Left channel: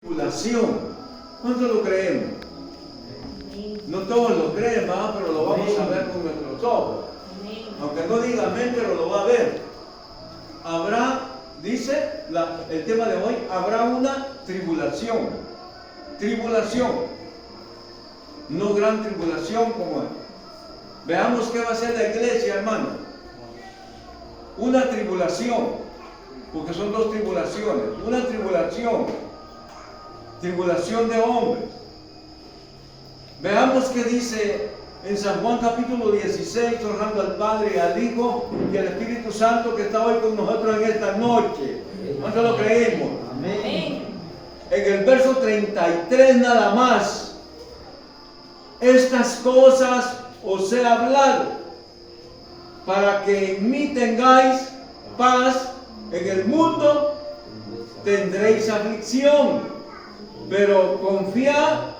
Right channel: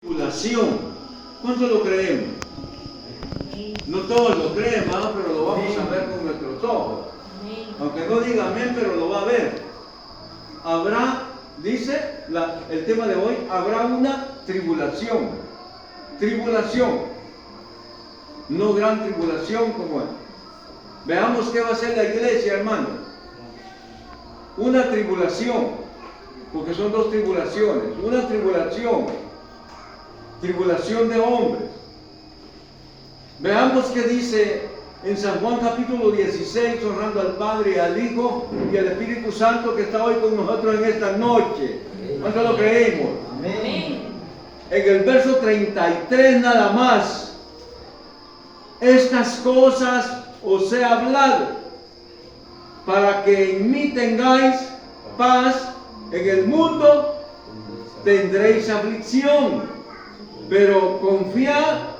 tribulación. ¿Cuánto lo creemos? No todos lo creen, ¿verdad? Pero lo vamos a ver con nuestros ojos. Aunque no diga amén, pero lo va a ver. Habrá, dice el tema de hoy, habrá una tribulación. Tribulación. No gran tribulación como es. Veamos qué va a hacer la iglesia, hermano. Una tribulación. Porque son dos tribulaciones. Una tribulación. Tribulación de hombres. Veamos qué dice en San Juan capítulo 16, honrando al Padre, al Hijo y al Espíritu Santo que está hoy con nosotros en esta noche. ¿Cuánto lo creemos? Amén. En el verso 33 nada más. Estas cosas os he hablado para que en mí tengáis paz. En el mundo tendréis aflicción, pero confiad,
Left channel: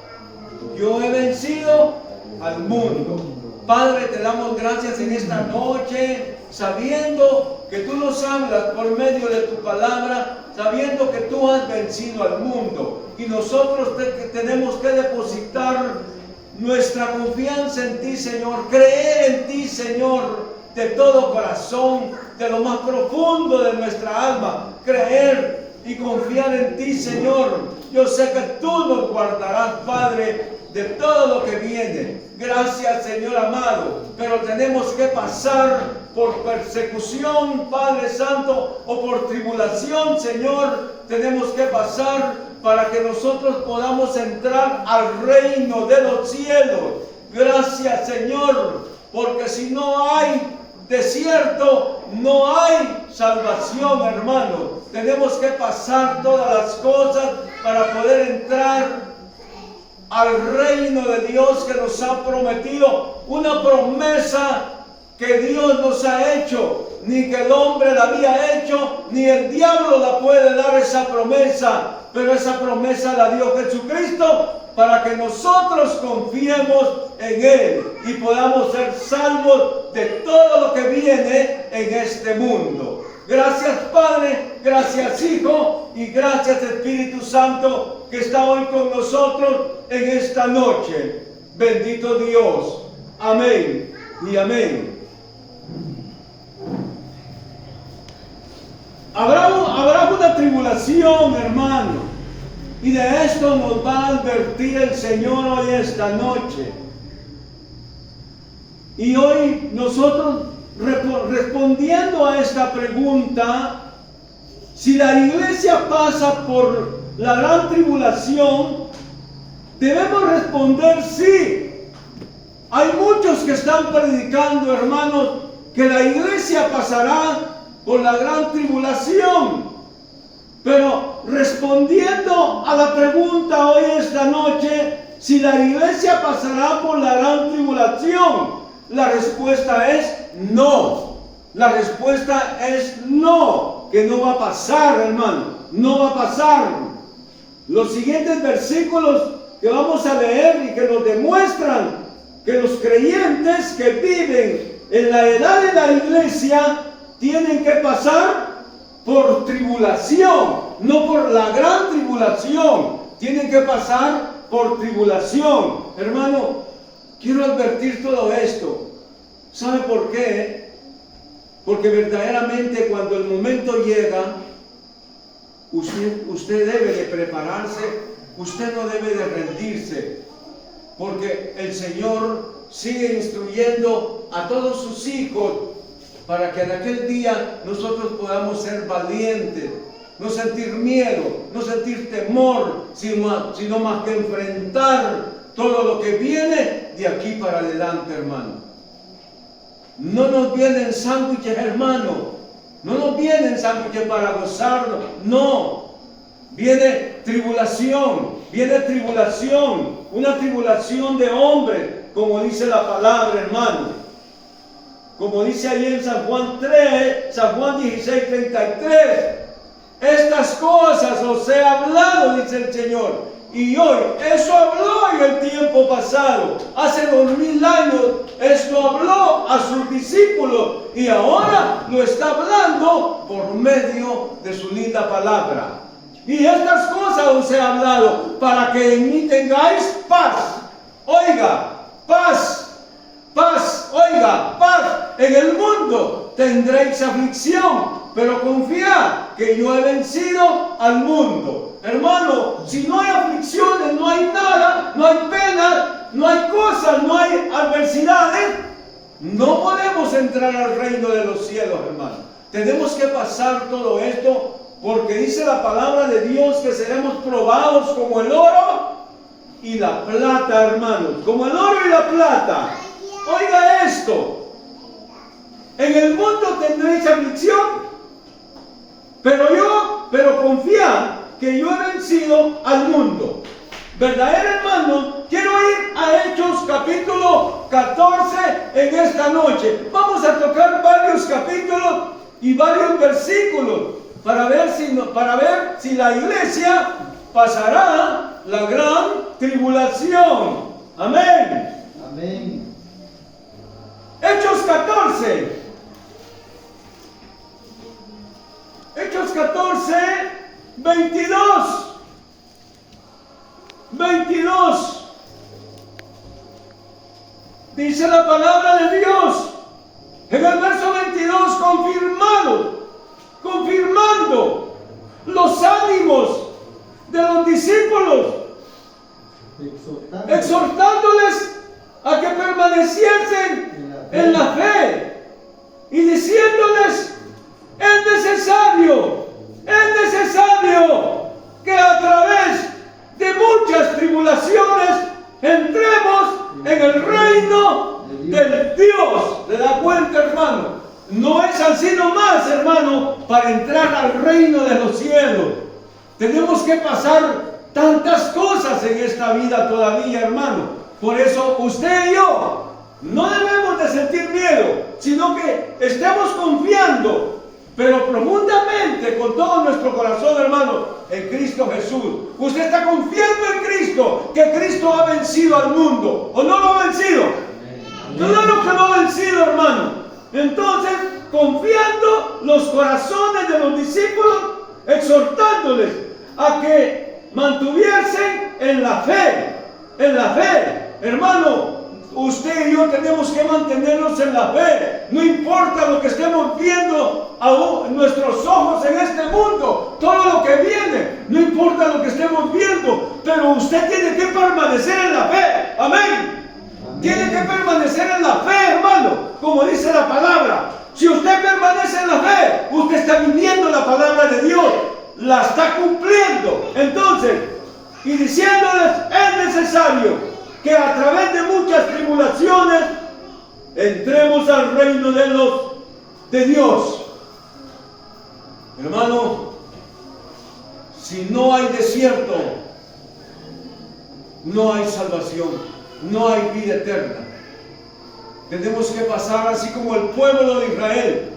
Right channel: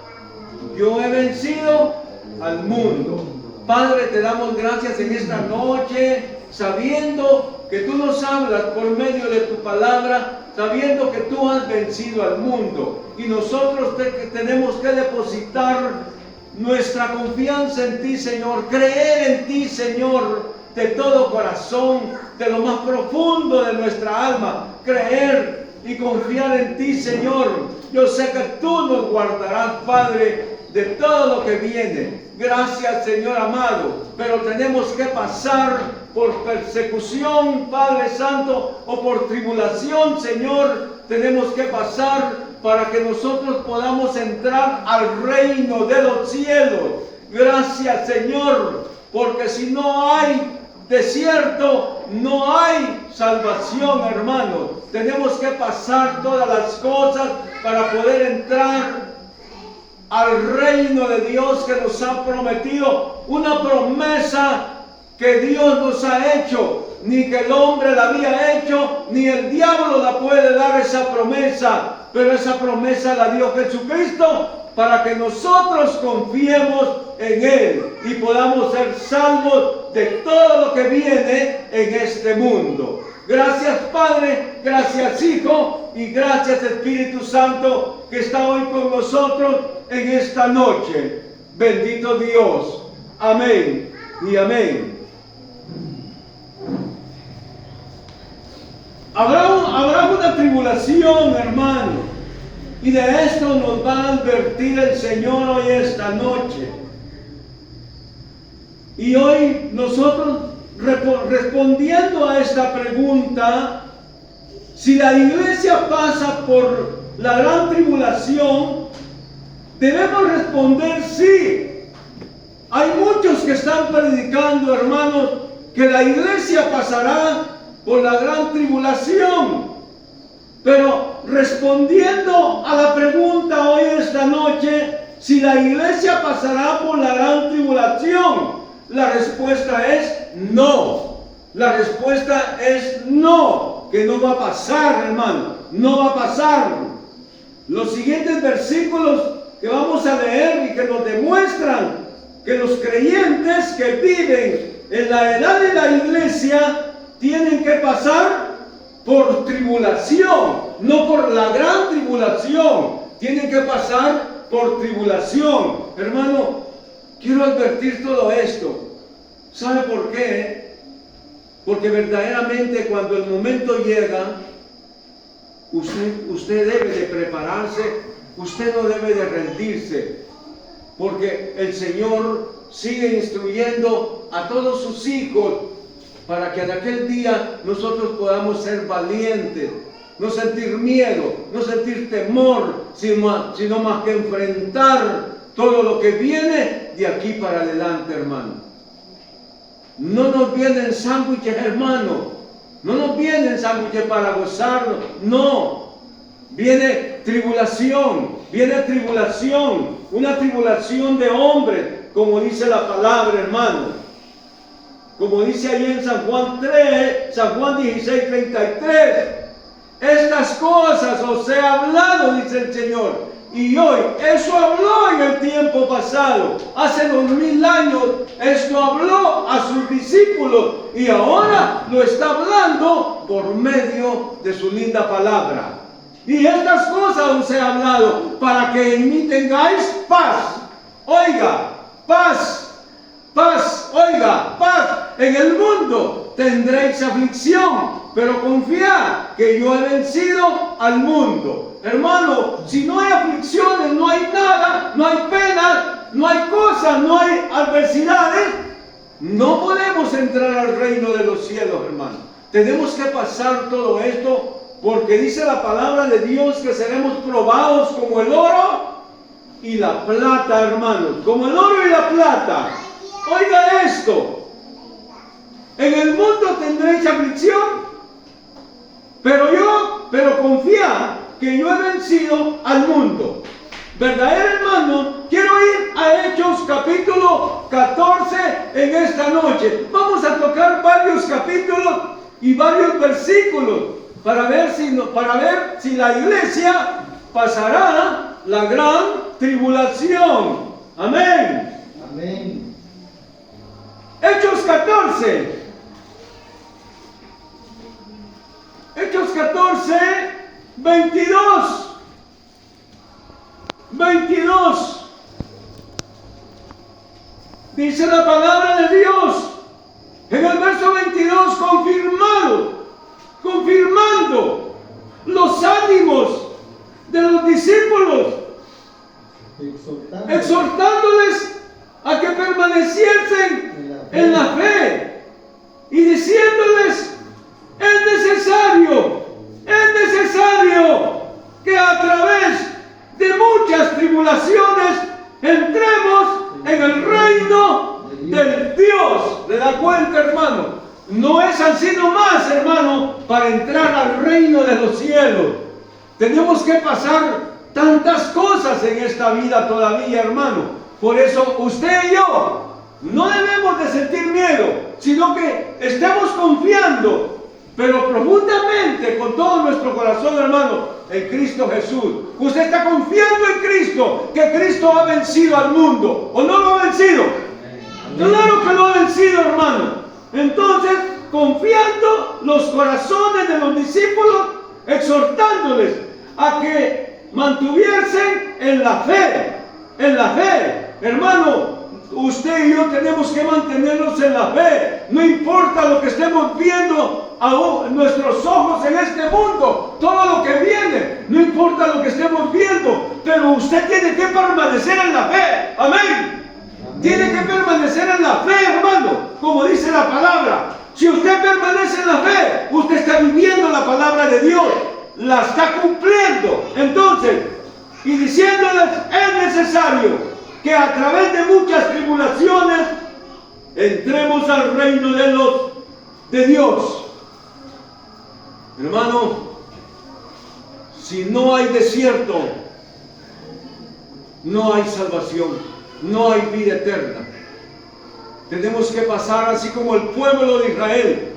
yo he vencido al mundo. Padre, te damos gracias en esta noche, sabiendo que tú nos hablas por medio de tu palabra, sabiendo que tú has vencido al mundo. Y nosotros tenemos que depositar nuestra confianza en ti, Señor, creer en ti, Señor, de todo corazón, de lo más profundo de nuestra alma, creer y confiar en ti, Señor. Yo sé que tú nos guardarás, Padre, de todo lo que viene. Gracias, Señor amado, pero tenemos que pasar por persecución, Padre Santo, o por tribulación, Señor. Tenemos que pasar para que nosotros podamos entrar al reino de los cielos. Gracias, Señor, porque si no hay desierto, no hay salvación, hermano. Tenemos que pasar todas las cosas para poder entrar al reino de Dios que nos ha prometido. Una promesa que Dios nos ha hecho. Ni que el hombre la había hecho, ni el diablo la puede dar esa promesa. Pero esa promesa la dio Jesucristo para que nosotros confiemos en Él y podamos ser salvos de todo lo que viene en este mundo. Gracias, Padre, gracias, Hijo, y gracias, Espíritu Santo, que está hoy con nosotros en esta noche. Bendito Dios. Amén y amén. Habrá una tribulación, hermano, y de esto nos va a advertir el Señor hoy esta noche. Y hoy nosotros respondiendo a esta pregunta, si la iglesia pasa por la gran tribulación, debemos responder sí. Hay muchos que están predicando, hermanos, que la iglesia pasará por la gran tribulación. Pero respondiendo a la pregunta hoy esta noche, si la iglesia pasará por la gran tribulación, la respuesta es no. La respuesta es no, que no va a pasar, hermano, no va a pasar. Los siguientes versículos que vamos a leer y que nos demuestran que los creyentes que viven en la edad de la iglesia tienen que pasar por tribulación, no por la gran tribulación. Tienen que pasar por tribulación. Hermano, quiero advertir todo esto. ¿Sabe por qué? Porque verdaderamente cuando el momento llega, usted debe de prepararse, usted no debe de rendirse, porque el Señor sigue instruyendo a todos sus hijos para que en aquel día nosotros podamos ser valientes, no sentir miedo, no sentir temor, sino más que enfrentar todo lo que viene de aquí para adelante, hermano. No nos vienen sándwiches, hermano. No nos vienen sándwiches para gozarnos. No. Viene tribulación. Viene tribulación. Una tribulación de hombres, como dice la palabra, hermano. Como dice ahí en San Juan 16, 33. Estas cosas os he hablado, dice el Señor. Y hoy, eso habló en el tiempo pasado, hace 2000 años, esto habló a sus discípulos y ahora lo está hablando por medio de su linda palabra. Y estas cosas os he hablado para que en mí tengáis paz. Oiga, paz, paz, oiga, paz. En el mundo tendréis aflicción, pero confiad que yo he vencido al mundo. Hermano, si no hay aflicciones, no hay nada, no hay pena, no hay cosas, no hay adversidades, no podemos entrar al reino de los cielos, hermano. Tenemos que pasar todo esto, porque dice la palabra de Dios que seremos probados como el oro y la plata, hermanos. Como el oro y la plata. Oiga esto. En el mundo tendréis aflicción, pero confía que yo he vencido al mundo. ¿Verdad, hermano? Quiero ir a Hechos capítulo 14 en esta noche. Vamos a tocar varios capítulos y varios versículos para ver si la iglesia pasará la gran tribulación. Amén. Amén. Hechos 14. Hechos 14, 22. 22. Dice la palabra de Dios en el verso 22, confirmando los ánimos de los discípulos, exhortándoles a que permaneciesen en la fe y diciéndoles: es necesario que a través de muchas tribulaciones entremos en el reino del Dios. ¿Le da cuenta, hermano? No es así nomás, hermano, para entrar al reino de los cielos. Tenemos que pasar tantas cosas en esta vida todavía, hermano. Por eso usted y yo no debemos de sentir miedo, sino que estemos confiando, pero profundamente, con todo nuestro corazón, hermano, en Cristo Jesús. Usted está confiando en Cristo, que Cristo ha vencido al mundo, ¿o no lo ha vencido? Claro que lo ha vencido, hermano. Entonces, confiando los corazones de los discípulos, exhortándoles a que mantuviesen en la fe, hermano. Usted y yo tenemos que mantenernos en la fe. No importa lo que estemos viendo a nuestros ojos en este mundo, todo lo que viene, no importa lo que estemos viendo, pero usted tiene que permanecer en la fe. Amén. Tiene que permanecer en la fe, hermano, como dice la palabra. Si usted permanece en la fe, usted está viviendo la palabra de Dios, la está cumpliendo. Entonces, y diciéndoles: es necesario que a través de muchas tribulaciones entremos al reino de Dios. Hermano, si no hay desierto, no hay salvación, no hay vida eterna. Tenemos que pasar así como el pueblo de Israel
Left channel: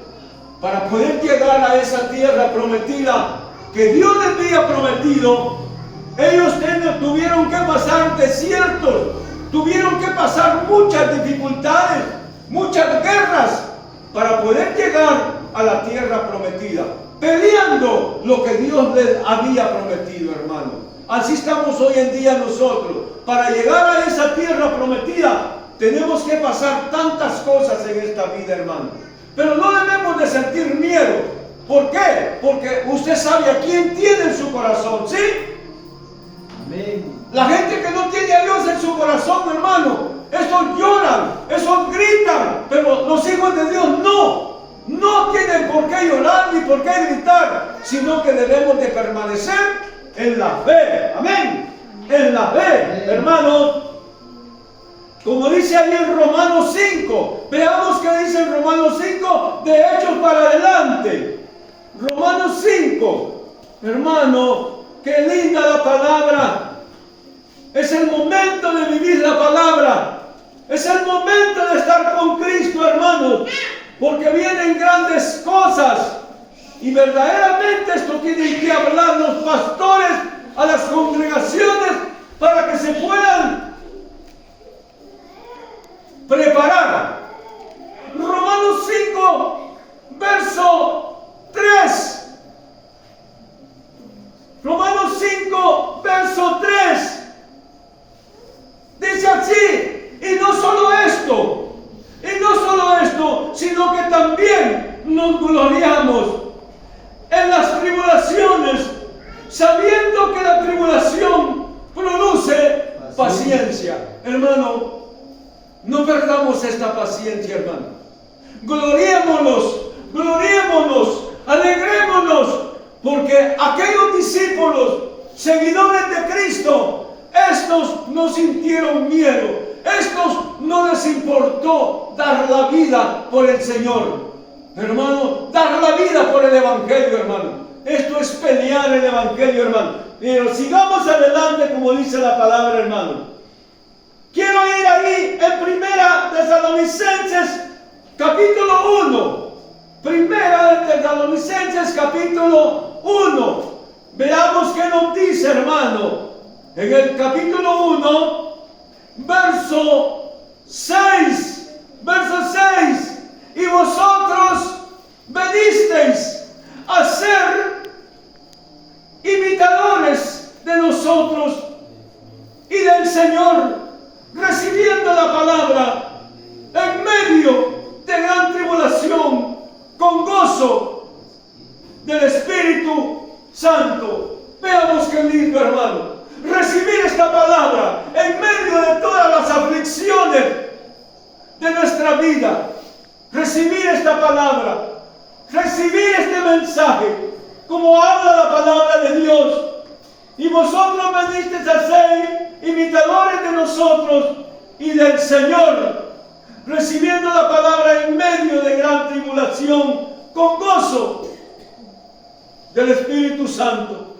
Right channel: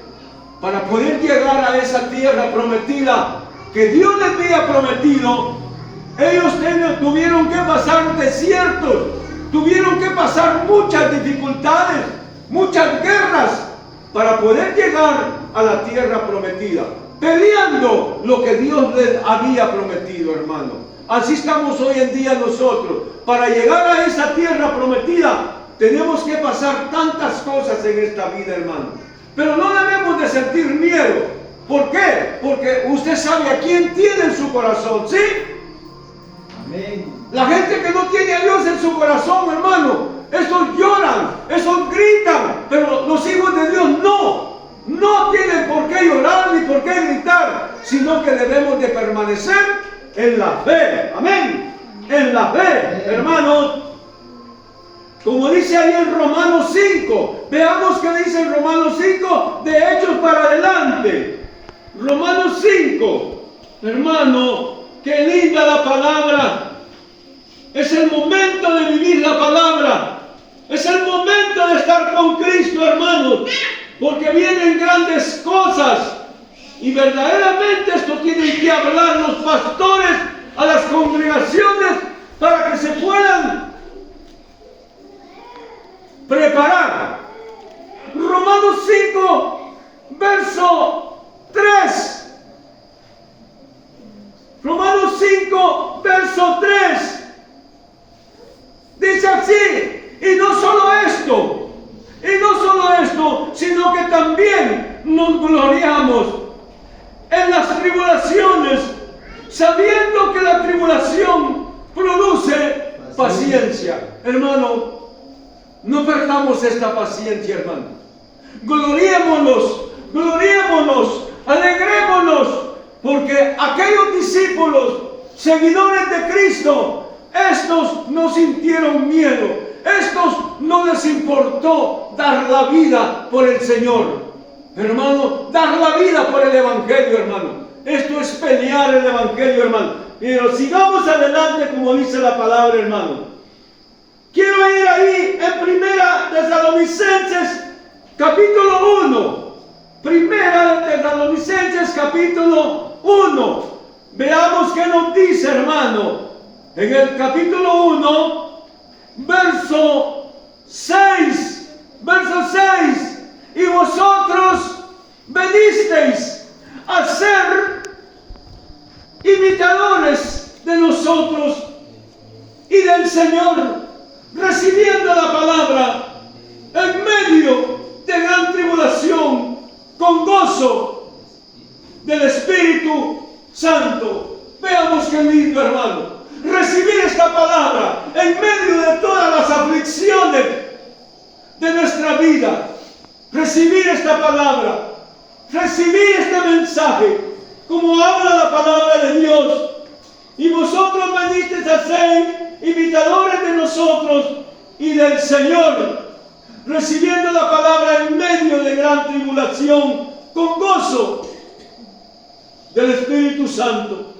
para poder llegar a esa tierra prometida que Dios les había prometido. Ellos tuvieron que pasar desiertos, tuvieron que pasar muchas dificultades, muchas guerras para poder llegar a la tierra prometida, peleando lo que Dios les había prometido, hermano. Así estamos hoy en día nosotros. Para llegar a esa tierra prometida tenemos que pasar tantas cosas en esta vida, hermano. Pero no debemos de sentir miedo. ¿Por qué? Porque usted sabe a quién tiene en su corazón, ¿sí? La gente que no tiene a Dios en su corazón, hermano, estos lloran, estos gritan, pero los hijos de Dios no tienen por qué llorar ni por qué gritar, sino que debemos de permanecer en la fe. Amén. En la fe, hermano. Como dice ahí en Romanos 5, veamos qué dice en Romanos 5, de Hechos para adelante. Romanos 5, hermano. ¡Qué linda la palabra! Es el momento de vivir la palabra. Es el momento de estar con Cristo, hermanos. Porque vienen grandes cosas. Y verdaderamente esto tienen que hablar los pastores a las congregaciones para que se puedan preparar. Romanos 5, verso 3. Romanos nos gloriamos en las tribulaciones, sabiendo que la tribulación produce paciencia. Hermano, no perdamos esta paciencia, hermano. Gloriémonos, alegrémonos, porque aquellos discípulos, seguidores de Cristo, estos no sintieron miedo, estos no les importó dar la vida por el Señor. Hermano, dar la vida por el Evangelio, hermano. Esto es pelear el Evangelio, hermano. Pero sigamos adelante como dice la palabra, hermano. Quiero ir ahí en Primera Tesalonicenses capítulo 1. Primera Tesalonicenses capítulo 1. Veamos qué nos dice, hermano. En el capítulo 1, verso 6. Y vosotros venisteis a ser imitadores de nosotros y del Señor, recibiendo la palabra en medio de gran tribulación, con gozo del Espíritu Santo. Veamos qué lindo, hermano. Recibir esta palabra en medio de todas las aflicciones de nuestra vida. Recibir esta palabra, recibir este mensaje, como habla la palabra de Dios. Y vosotros venisteis a ser imitadores de nosotros y del Señor, recibiendo la palabra en medio de gran tribulación, con gozo del Espíritu Santo.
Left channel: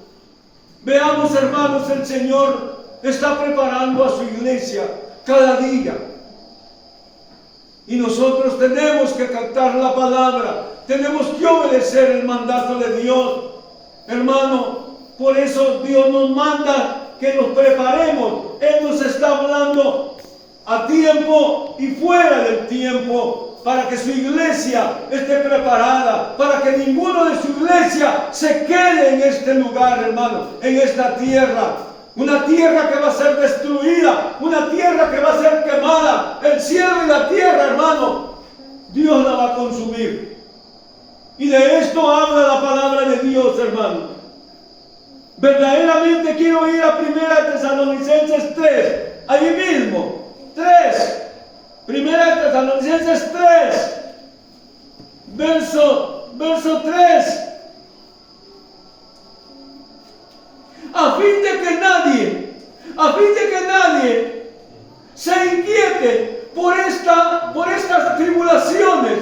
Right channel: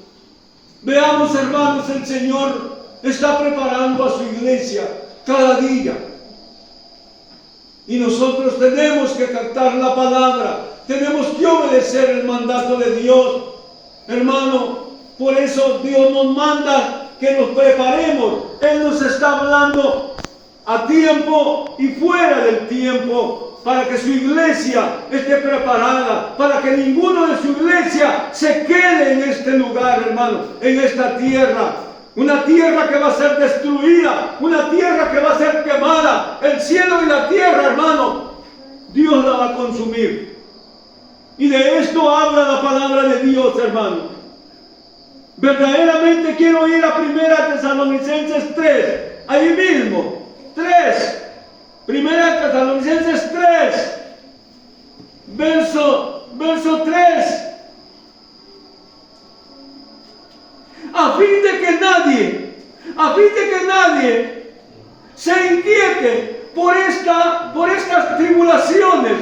Veamos, hermanos, el Señor está preparando a su iglesia cada día. Y nosotros tenemos que captar la palabra, tenemos que obedecer el mandato de Dios. Hermano, por eso Dios nos manda que nos preparemos. Él nos está hablando a tiempo y fuera del tiempo, para que su iglesia esté preparada, para que ninguno de su iglesia se quede en este lugar, hermano, en esta tierra. Una tierra que va a ser destruida, una tierra que va a ser quemada. El cielo y la tierra, hermano, Dios la va a consumir. Y de esto habla la palabra de Dios, hermano. Verdaderamente quiero ir a Primera Tesalonicenses 3, ahí mismo, 3. Primera Tesalonicenses 3, verso 3. A fin de que nadie se inquiete por estas tribulaciones,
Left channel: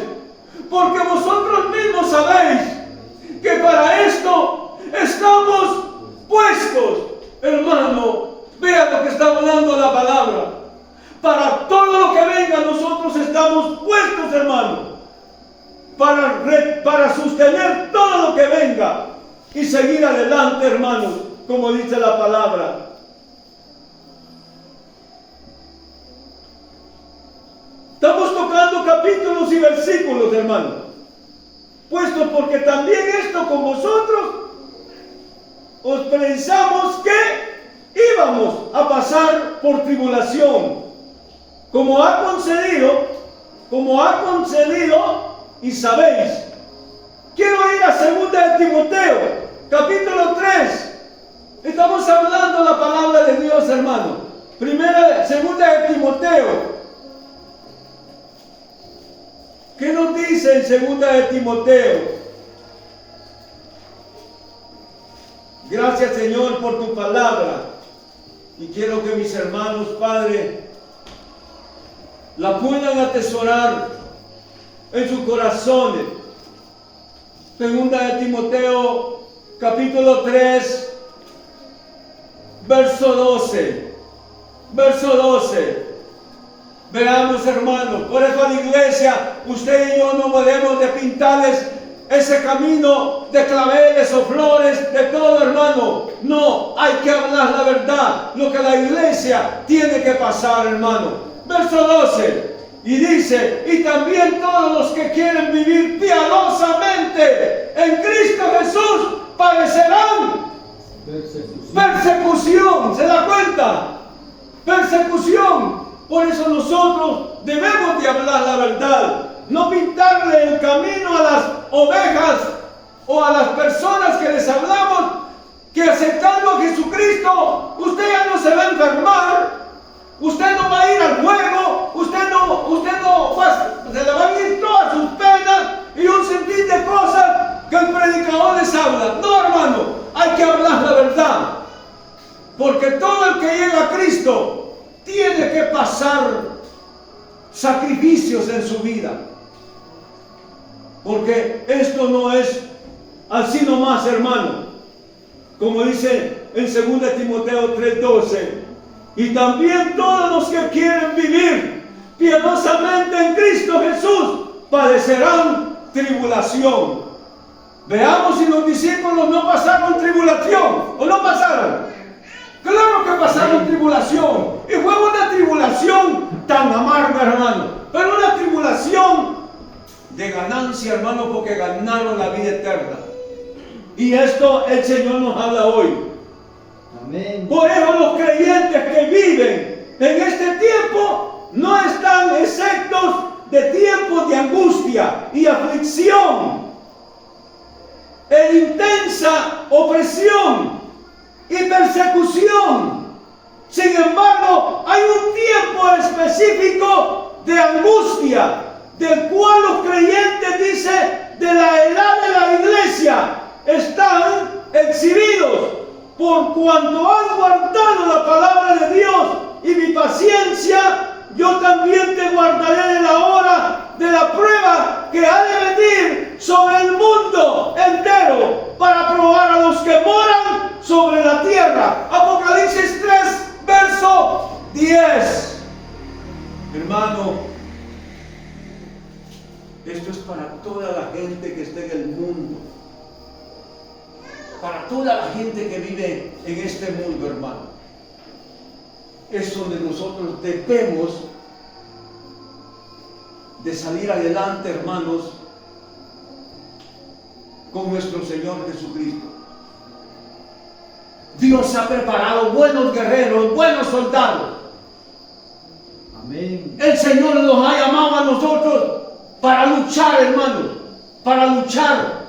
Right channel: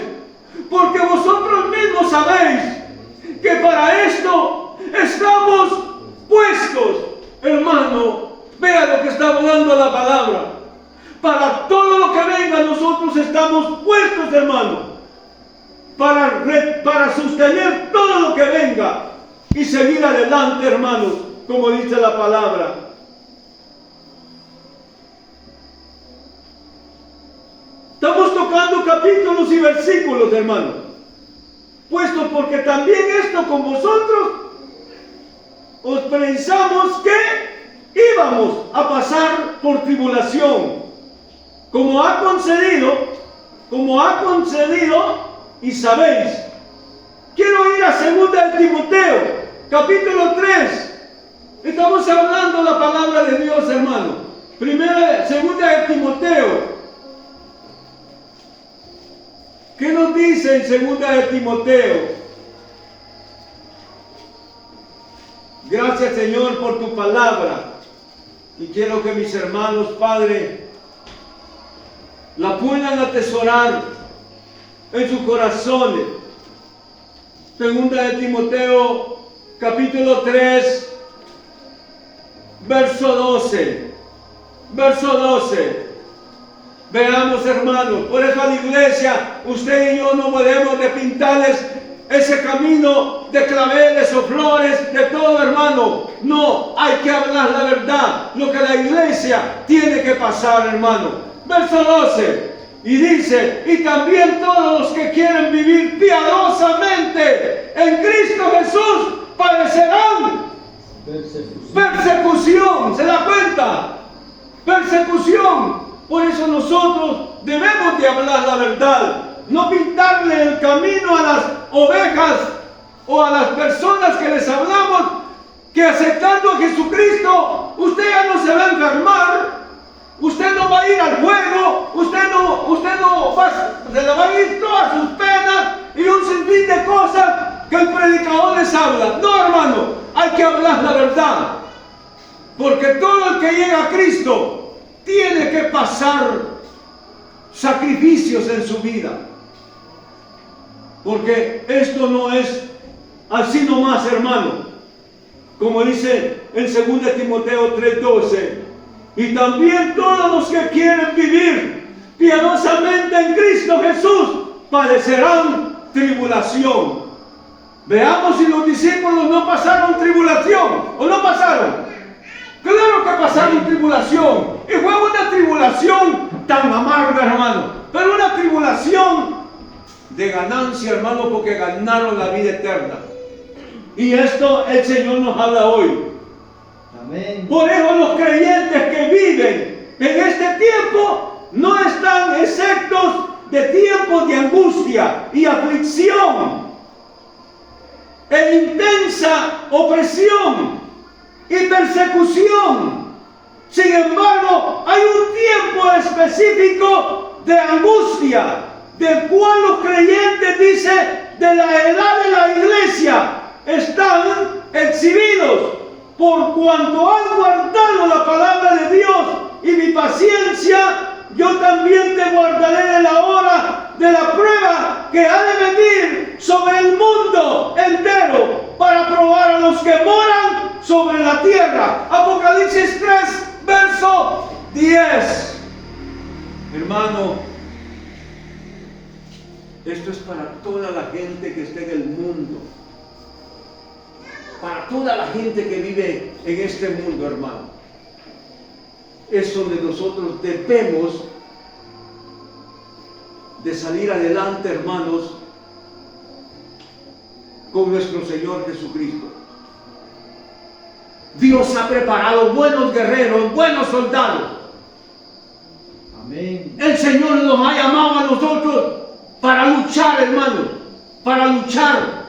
porque vosotros mismos sabéis que para esto estamos puestos. Hermano, vea lo que está hablando la palabra. Para todo lo que venga, nosotros estamos puestos, hermano, para sostener todo lo que venga y seguir adelante, hermanos, como dice la palabra. Estamos tocando capítulos y versículos, hermano, puesto porque también esto con vosotros os pensamos que íbamos a pasar por tribulación, como ha concedido y sabéis. Quiero ir a 2 de Timoteo, capítulo 3. Estamos hablando la palabra de Dios, hermano. 2 de Timoteo. ¿Qué nos dice en 2 de Timoteo? Gracias, Señor, por tu palabra. Y quiero que mis hermanos, Padre, la puedan atesorar en sus corazones. 2 de Timoteo, capítulo 3, verso 12. Veamos, hermanos, por eso a la iglesia, usted y yo no podemos de pintarles ese camino de claveles o flores, de todo, hermano. No, hay que hablar la verdad, lo que la iglesia tiene que pasar, hermano. Verso 12, y dice: y también todos los que quieren vivir piadosamente en Cristo Jesús padecerán persecución. ¿Se da cuenta? Persecución. Por eso nosotros debemos de hablar la verdad. no pintarle el camino a las ovejas o a las personas que les hablamos, que aceptando a Jesucristo, usted ya no se va a enfermar, usted no va a ir al juego, usted no va, se le va a ir todas sus penas y un sinfín de cosas que el predicador les habla. No, hermano, hay que hablar la verdad, porque todo el que llega a Cristo tiene que pasar sacrificios en su vida, porque esto no es así nomás, hermano. Como dice en 2 Timoteo 3:12, y también todos los que quieren vivir piadosamente en Cristo Jesús padecerán tribulación. Veamos si los discípulos no pasaron tribulación o no pasaron. Claro que pasaron tribulación, y fue una tribulación tan amarga, hermano, pero una tribulación de ganancia, hermano, porque ganaron la vida eterna. Y esto el Señor nos habla hoy. Amén. Por eso los creyentes que viven en este tiempo no están exentos de tiempos de angustia y aflicción e intensa opresión y persecución. Sin embargo, hay un tiempo específico de angustia, del cual los creyentes, dice, de la edad de la iglesia, están exhibidos por cuanto han guardado la palabra de Dios y mi paciencia. Yo también te guardaré de la hora de la prueba que ha de venir sobre el mundo entero para probar a los que moran sobre la tierra. Apocalipsis 3, verso 10. Hermano, esto es para toda la gente que esté en el mundo, para toda la gente que vive en este mundo, hermano. Es donde nosotros debemos de salir adelante, hermanos, con nuestro Señor Jesucristo. Dios ha preparado buenos guerreros, buenos soldados. Amén. El Señor nos ha llamado a nosotros para luchar, hermanos, para luchar.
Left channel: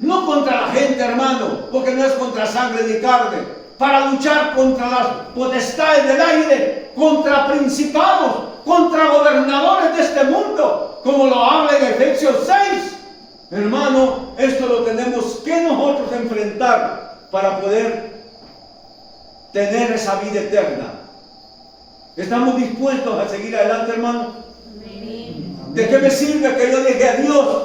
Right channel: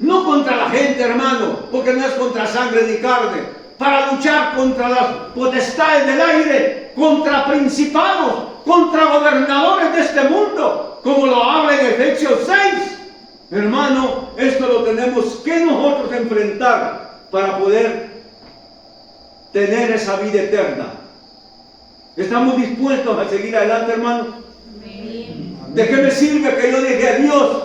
No contra la gente, hermano, porque no es contra sangre ni carne. Para luchar contra las potestades del aire, contra principados, contra gobernadores de este mundo, como lo habla en Efesios 6. Hermano, esto lo tenemos que nosotros enfrentar para poder tener esa vida eterna. ¿Estamos dispuestos a seguir adelante, hermano? Amén. ¿De qué me sirve que yo deje a Dios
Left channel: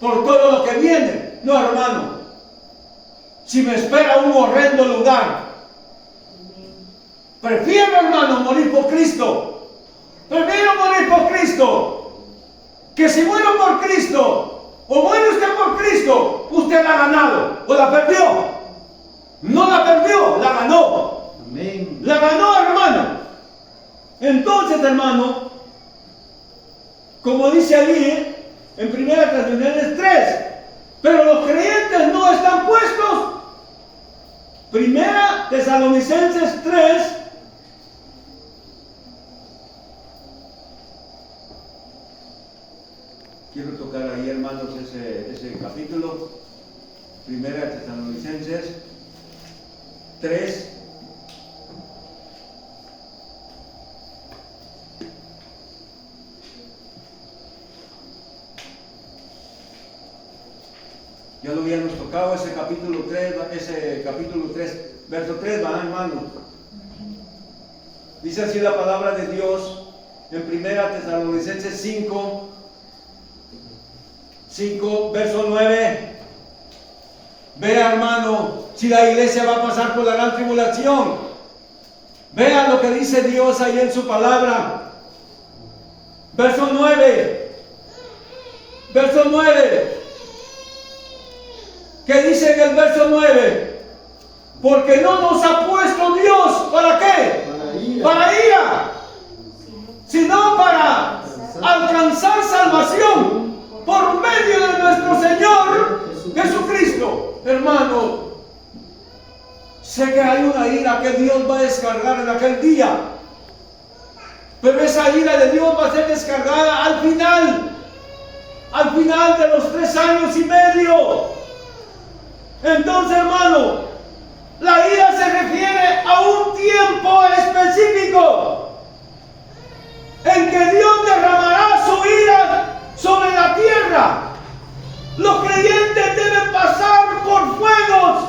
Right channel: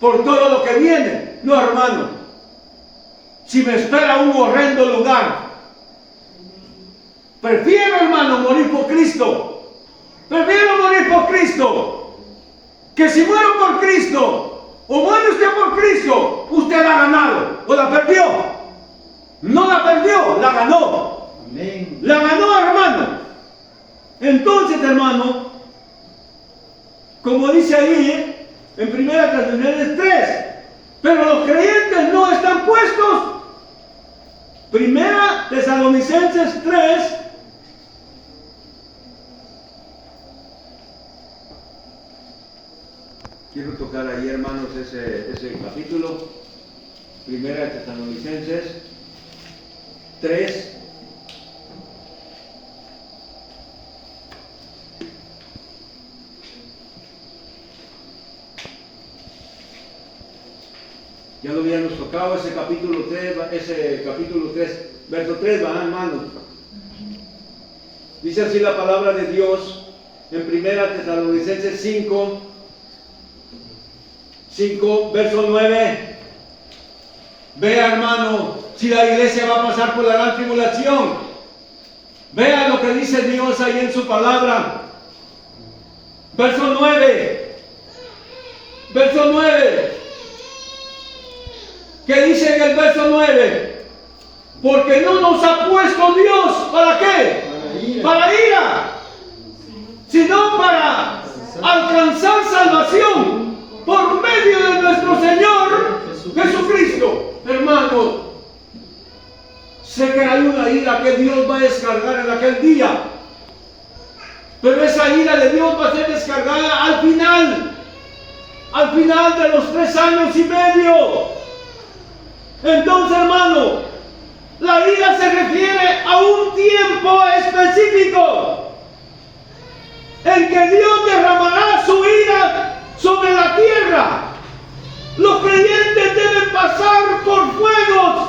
por todo lo que viene? No, hermano. Si me espera un horrendo lugar, prefiero, hermano, morir por Cristo. Prefiero morir por Cristo. Que si muero por Cristo, o muere usted por Cristo, usted la ha ganado, o la perdió. No la perdió, la ganó. Amén. La ganó, hermano. Entonces, hermano, como dice ahí, en 1 Tesalonicenses 3, pero los creyentes no están puestos. 1 Tesalonicenses 3, quiero tocar ahí, hermanos, ese capítulo. 1 Tesalonicenses 3. Ya lo habíamos tocado ese capítulo 3, verso 3, ¿verdad, hermano? Dice así la palabra de Dios en 1 Tesalonicenses 5, verso 9. Vea, hermano, si la iglesia va a pasar por la gran tribulación. Vea lo que dice Dios ahí en su palabra. Verso 9. Verso 9. ¿Qué dice en el verso 9? Porque no nos ha puesto Dios, ¿para qué? Para ira, sino para alcanzar salvación por medio de nuestro Señor Jesucristo. Hermano, sé que hay una ira que Dios va a descargar en aquel día, pero esa ira de Dios va a ser descargada al final, al final de los 3 años y medio. Entonces, hermano, la ira se refiere a un tiempo específico en que Dios derramará su ira sobre la tierra. Los creyentes deben pasar por fuegos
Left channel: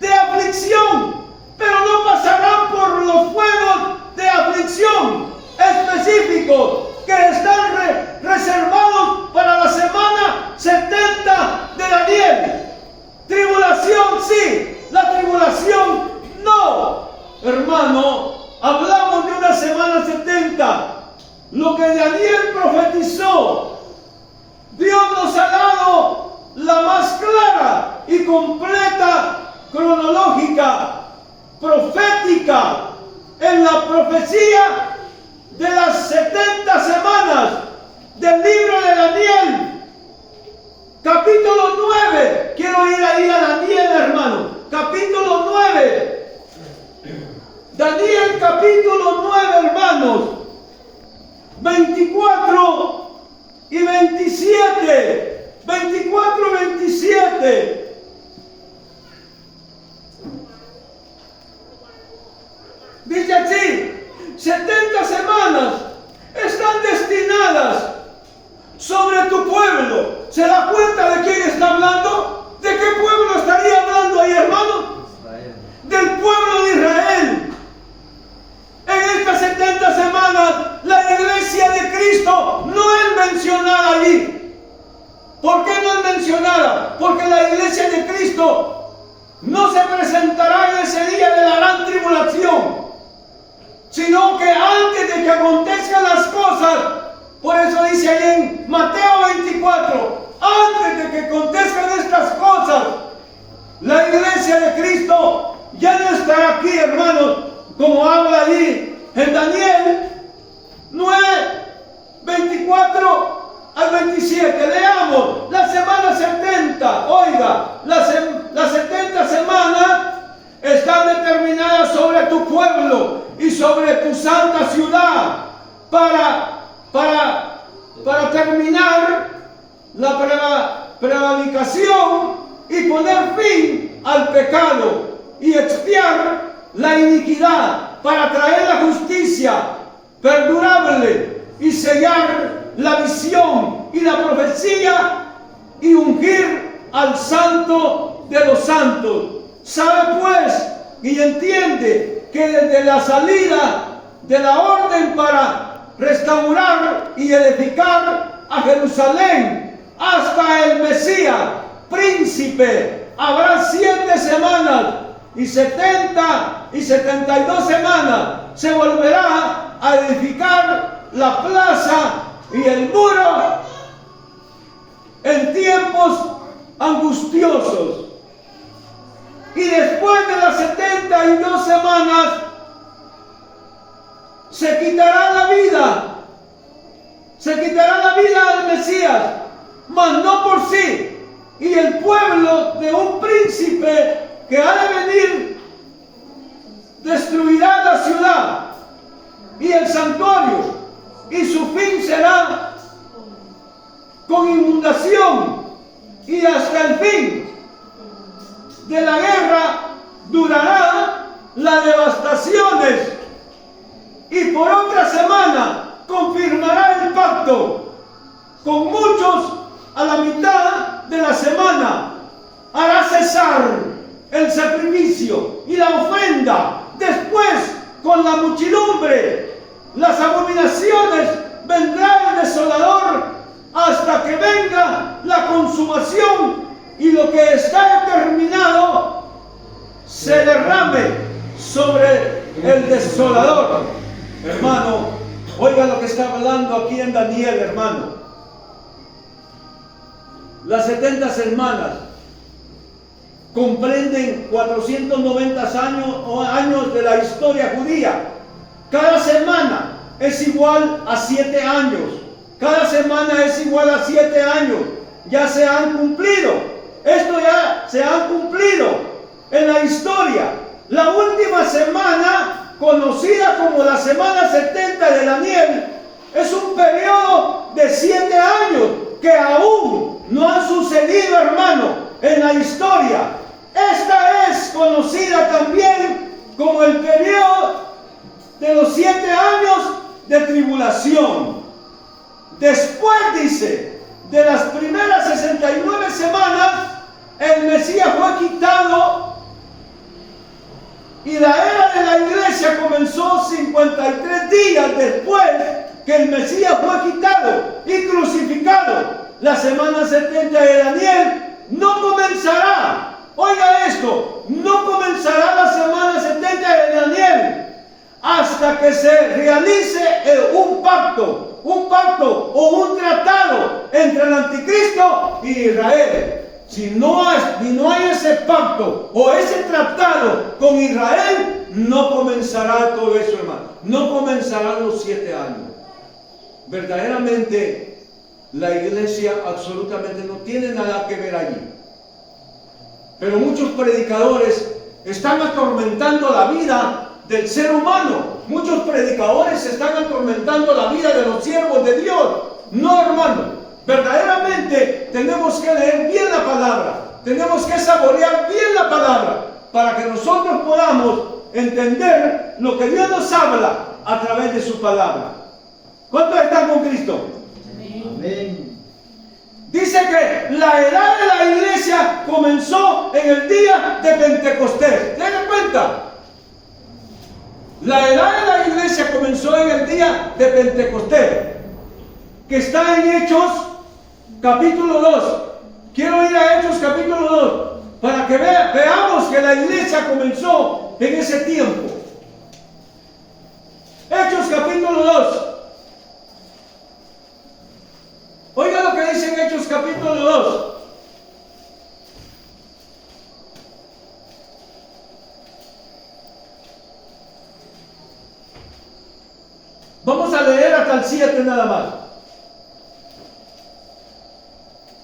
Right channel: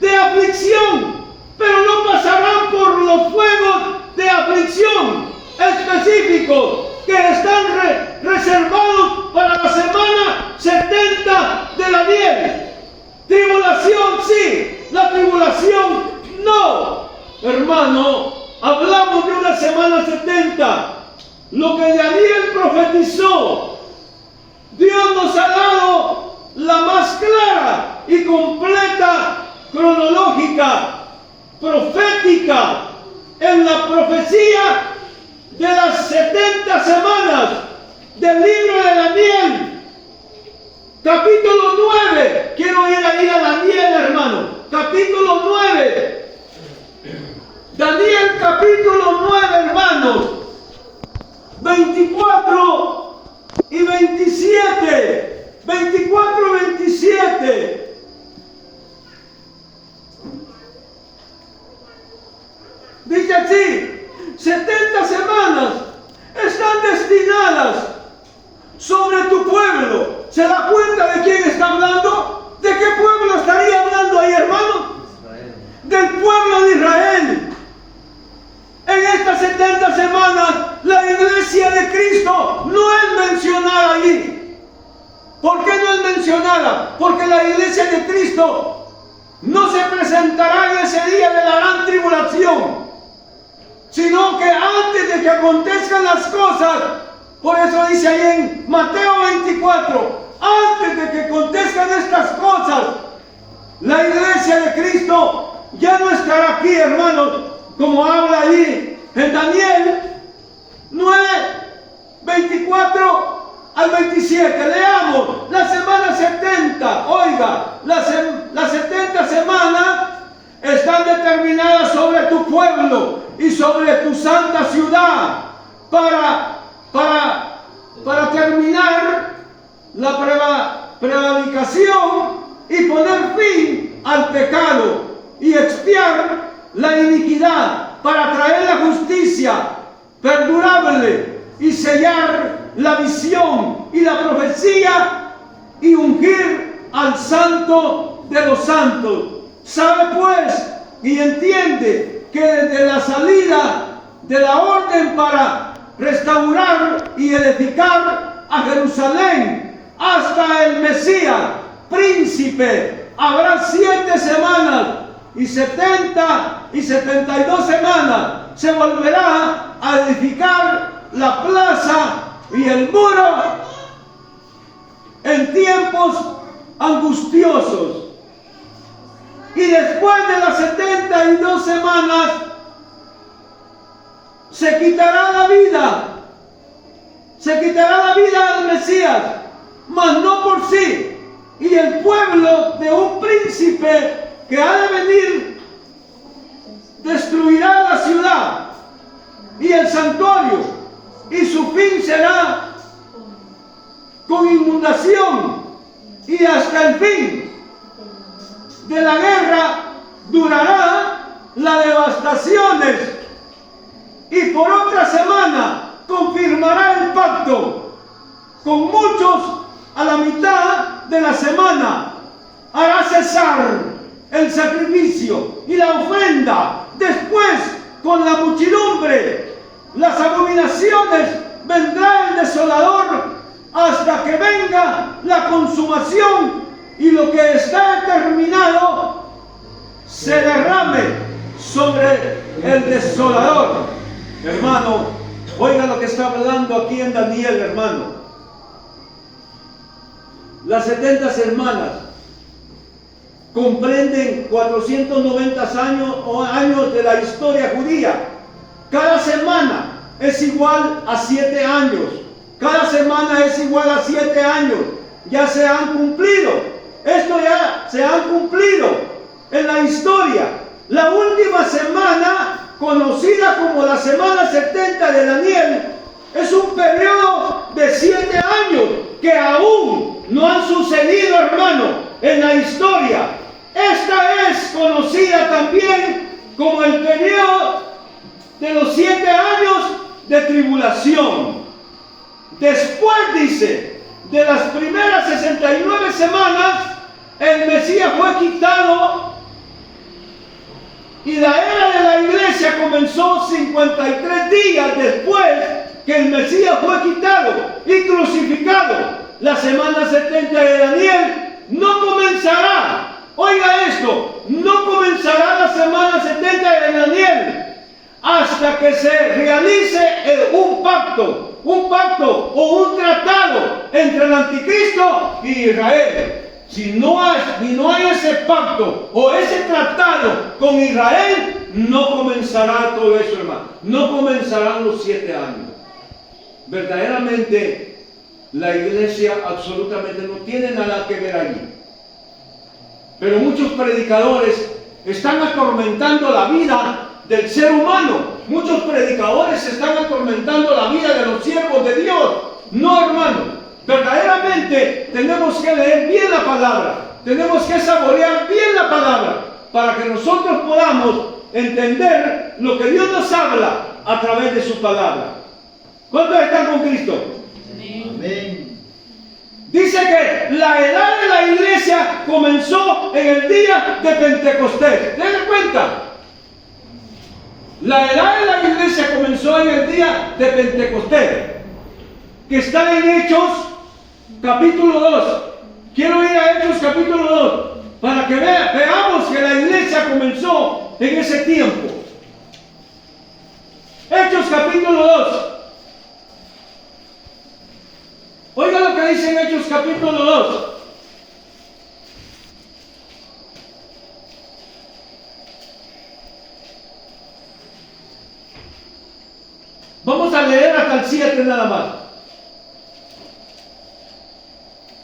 de aflicción, pero no pasarán por los fuegos de aflicción específicos que están reservados para la semana 70 de Daniel. Tribulación sí, la tribulación no. Hermano, hablamos de una semana 70. Lo que Daniel profetizó, Dios nos ha dado la más clara y completa cronológica, profética, en la profecía de las 70 semanas del libro de Daniel. Capítulo 9, quiero ir ahí a Daniel, hermano. Capítulo 9. Daniel capítulo 9, hermanos. 24 y 27. 24 y 27. Dice así: 70 semanas están destinadas sobre tu pueblo. ¿Se da cuenta de quién está hablando? ¿De qué pueblo estaría hablando ahí, hermano? Israel. Del pueblo de Israel. En estas 70 semanas, la iglesia de Cristo no es mencionada allí. ¿Por qué no es mencionada? Porque la iglesia de Cristo no se presentará en ese día de la gran tribulación, sino que antes de que acontezcan las cosas. Por eso dice ahí en Mateo 24, antes de que acontezcan estas cosas, la iglesia de Cristo ya no estará aquí, hermanos, como habla ahí en Daniel 9, 24 al 27. Leamos la semana 70. Oiga, las 70 semanas están determinadas sobre tu pueblo y sobre tu santa ciudad para terminar la prevaricación y poner fin al pecado y expiar la iniquidad, para traer la justicia perdurable y sellar la visión y la profecía y ungir al santo de los santos. Sabe pues y entiende que desde la salida de la orden para restaurar y edificar a Jerusalén hasta el Mesías, príncipe, habrá 7 semanas y 70 y 72 semanas. Se volverá a edificar la plaza y el muro en tiempos angustiosos. Y después de las 72 semanas se quitará la vida al Mesías, mas no por sí. Y el pueblo de un príncipe que ha de venir destruirá la ciudad y el santuario, y su fin será con inundación, y hasta el fin de la guerra durará las devastaciones, y por otra semana confirmará el pacto con muchos. A la mitad de la semana hará cesar el sacrificio y la ofrenda. Después, con la muchedumbre, las abominaciones, vendrá el desolador hasta que venga la consumación y lo que está determinado se derrame sobre el desolador. Hermano, oiga lo que está hablando aquí en Daniel, hermano. Las 70 semanas comprenden 490 años de la historia judía. Cada semana es igual a 7 años. Cada semana es igual a 7 años. Ya se han cumplido. Esto ya se han cumplido en la historia. La última semana, conocida como la semana 70 de Daniel, es un periodo de 7 años. que aún no han sucedido, hermano, en la historia. Esta es conocida también como el periodo de los 7 años de tribulación. Después, dice, de las primeras 69 semanas, el Mesías fue quitado y la era de la iglesia comenzó 53 días después que el Mesías fue quitado y crucificado. La semana 70 de Daniel no comenzará. Oiga esto, no comenzará la semana 70 de Daniel hasta que se realice un pacto o un tratado entre el anticristo y Israel. Si no hay ese pacto o ese tratado con Israel, no comenzará todo eso, hermano. No comenzarán los 7 años. Verdaderamente, la iglesia absolutamente no tiene nada que ver allí. Pero muchos predicadores están atormentando la vida del ser humano. Muchos predicadores están atormentando la vida de los siervos de Dios. No, hermano. Verdaderamente tenemos que leer bien la palabra. Tenemos que saborear bien la palabra para que nosotros podamos entender lo que Dios nos habla a través de su palabra. ¿Cuántos están con Cristo? Amén. Dice que la edad de la iglesia comenzó en el día de Pentecostés. ¿Denle cuenta? La edad de la iglesia comenzó en el día de Pentecostés, que está en Hechos capítulo 2. Quiero ir a Hechos capítulo 2 para que veamos que la iglesia comenzó en ese tiempo. Hechos capítulo 2. Oiga lo que dice en Hechos capítulo 2. Vamos a leer hasta el 7 nada más.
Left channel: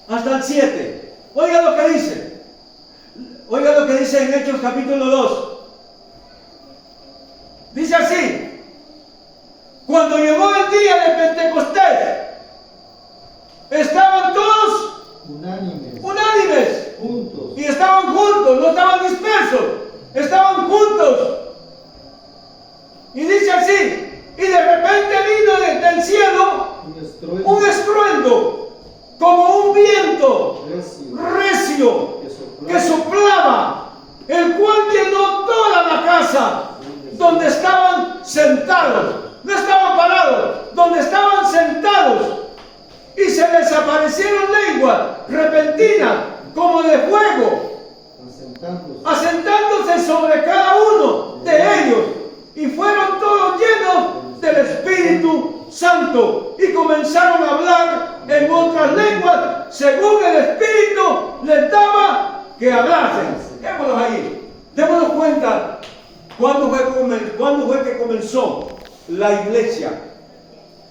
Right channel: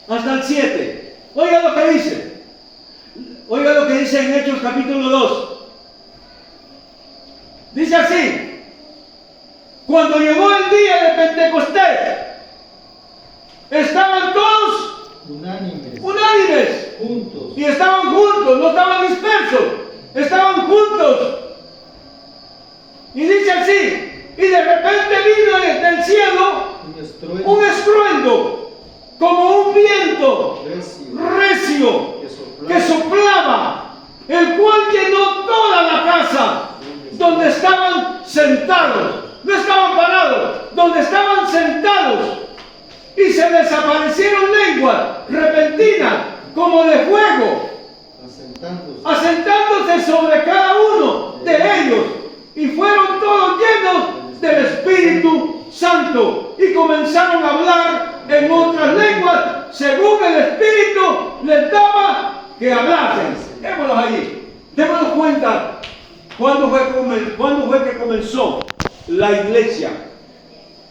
Hasta el 7. Oiga lo que dice. Oiga lo que dice en Hechos capítulo 2. Dice así: cuando llegó el día de Pentecostés, estaban todos unánimes, juntos. Y estaban juntos, no estaban dispersos, estaban juntos. Y dice así: y de repente vino del cielo un estruendo, como un viento recio que soplaba, el cual llenó toda la casa donde estaban sentados. No estaban parados, donde estaban sentados. Y se desaparecieron lenguas repentinas como de fuego, asentándose sobre cada uno de ellos. Y fueron todos llenos del Espíritu Santo y comenzaron a hablar en otras lenguas según el Espíritu les daba que hablasen. Démoslos ahí. Démonos cuenta cuándo fue que comenzó la iglesia.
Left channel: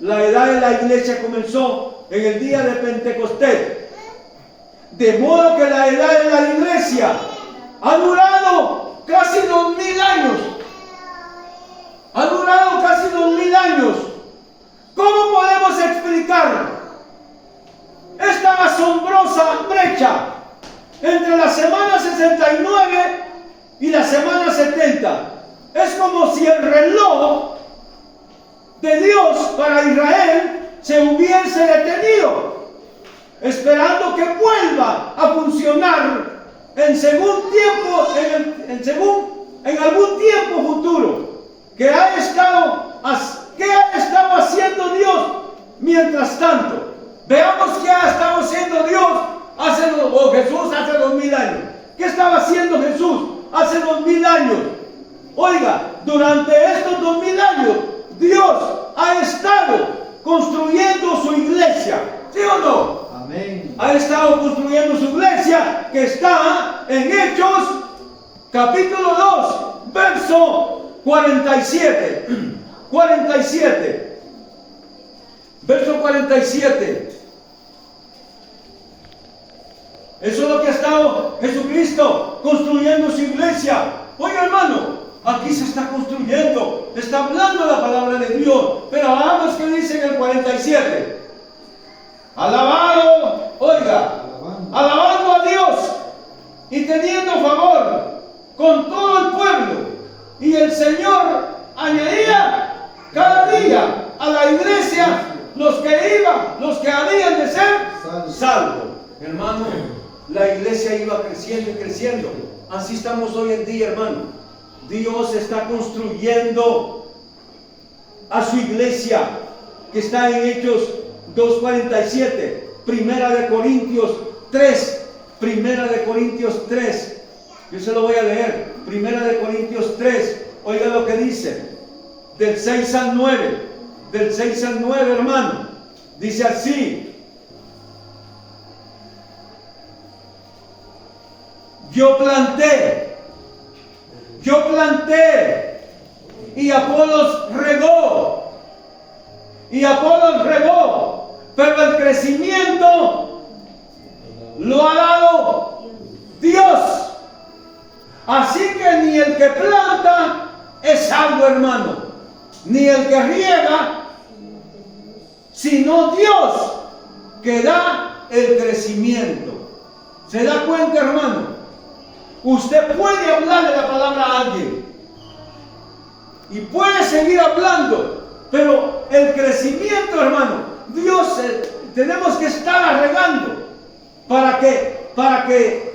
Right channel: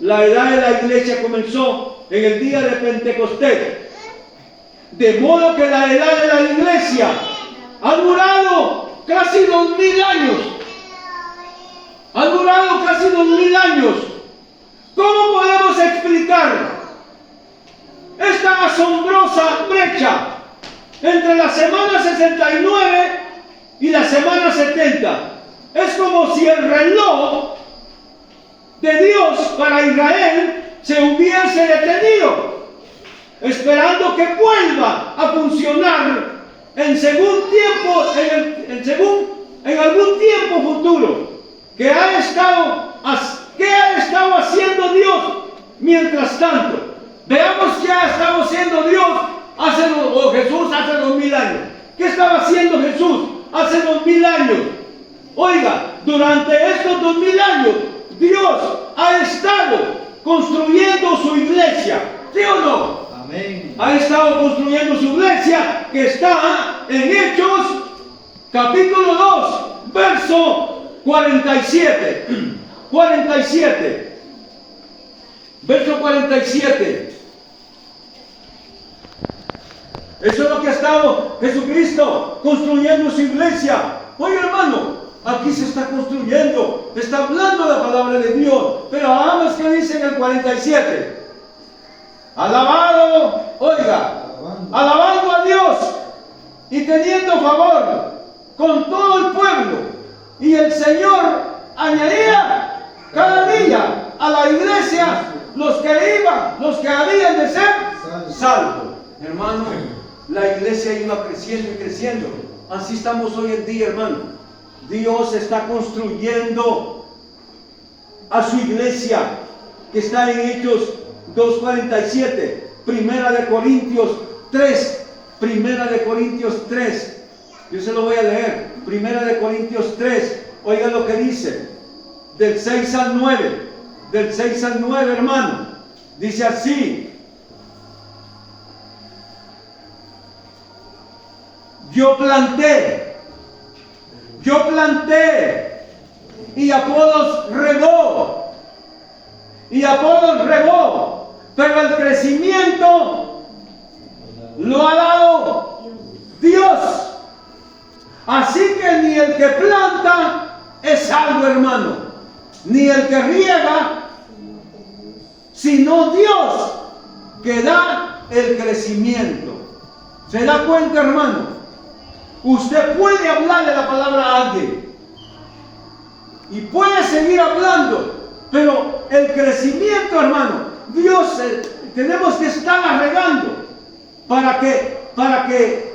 La edad de la iglesia comenzó en el día de Pentecostés. De modo que la edad de la iglesia ha durado casi 2000 años. Ha durado casi 2000 años. ¿Cómo podemos explicar esta asombrosa brecha entre la semana 69 y la semana 70? Es como si el reloj de Dios para Israel se hubiese detenido, esperando que vuelva a funcionar en algún tiempo futuro. ¿Qué ha estado haciendo Dios mientras tanto? Veamos qué ha estado haciendo Dios Jesús hace 2000 años. ¿Qué estaba haciendo Jesús hace 2000 años? Oiga, durante estos 2000 años Dios ha estado construyendo su iglesia, ¿sí o no? Amén. Ha estado construyendo su iglesia, que está en Hechos capítulo 2 verso 47. 47. Verso 47. Eso es lo que ha estado Jesucristo construyendo su iglesia. Oye, hermano, aquí se está construyendo, está hablando la palabra de Dios. Pero hagamos que dice en el 47. alabado, oiga, alabando a Dios y teniendo favor con todo el pueblo. Y el Señor añadía cada día a la iglesia los que iban, los que habían de ser salvos. Mi hermano, la iglesia iba creciendo y creciendo. Así estamos hoy en día, hermano. Dios está construyendo a su iglesia, que está en Hechos 2:47, Primera de Corintios 3, Primera de Corintios 3. Yo se lo voy a leer. Primera de Corintios 3. Oiga lo que dice. Del 6 al 9. Del 6 al 9, hermano. Dice así. Yo planté. Y Apolos regó. Pero el crecimiento lo ha dado Dios. Así que ni el que planta es salvo, hermano, ni el que riega, sino Dios que da el crecimiento. ¿Se da cuenta, hermano? Usted puede hablarle la palabra a alguien y puede seguir hablando, pero el crecimiento, hermano, Dios, tenemos que estar regando para que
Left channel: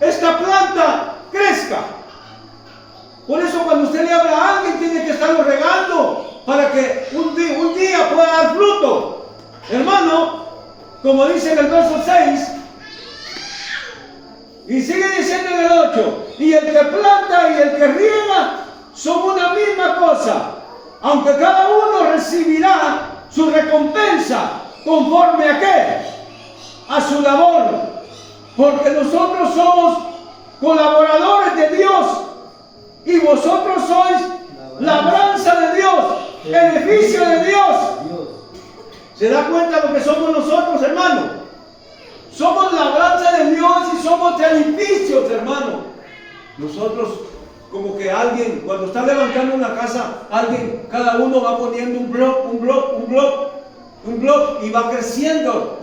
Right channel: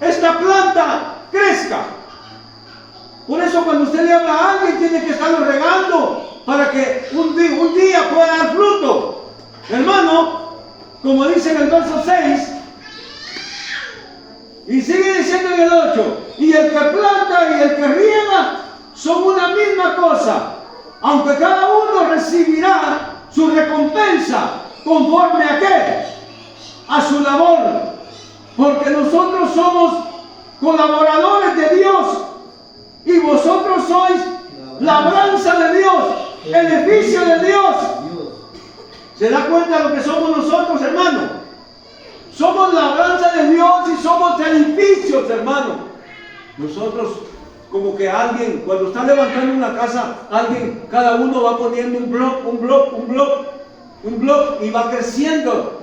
esta planta crezca. Por eso cuando usted le habla a alguien, tiene que estarlo regando para que un día pueda dar fruto. Hermano, como dice en el verso 6, y sigue diciendo en el 8, y el que planta y el que riega son una misma cosa, aunque cada uno recibirá su recompensa conforme a qué, a su labor, porque nosotros somos colaboradores de Dios y vosotros sois labranza de Dios, edificio de Dios. ¿Se da cuenta de lo que somos nosotros, hermano? Somos labranza de Dios y somos edificios, hermano. Nosotros, como que alguien, cuando está levantando una casa, alguien, cada uno va poniendo un bloque y va creciendo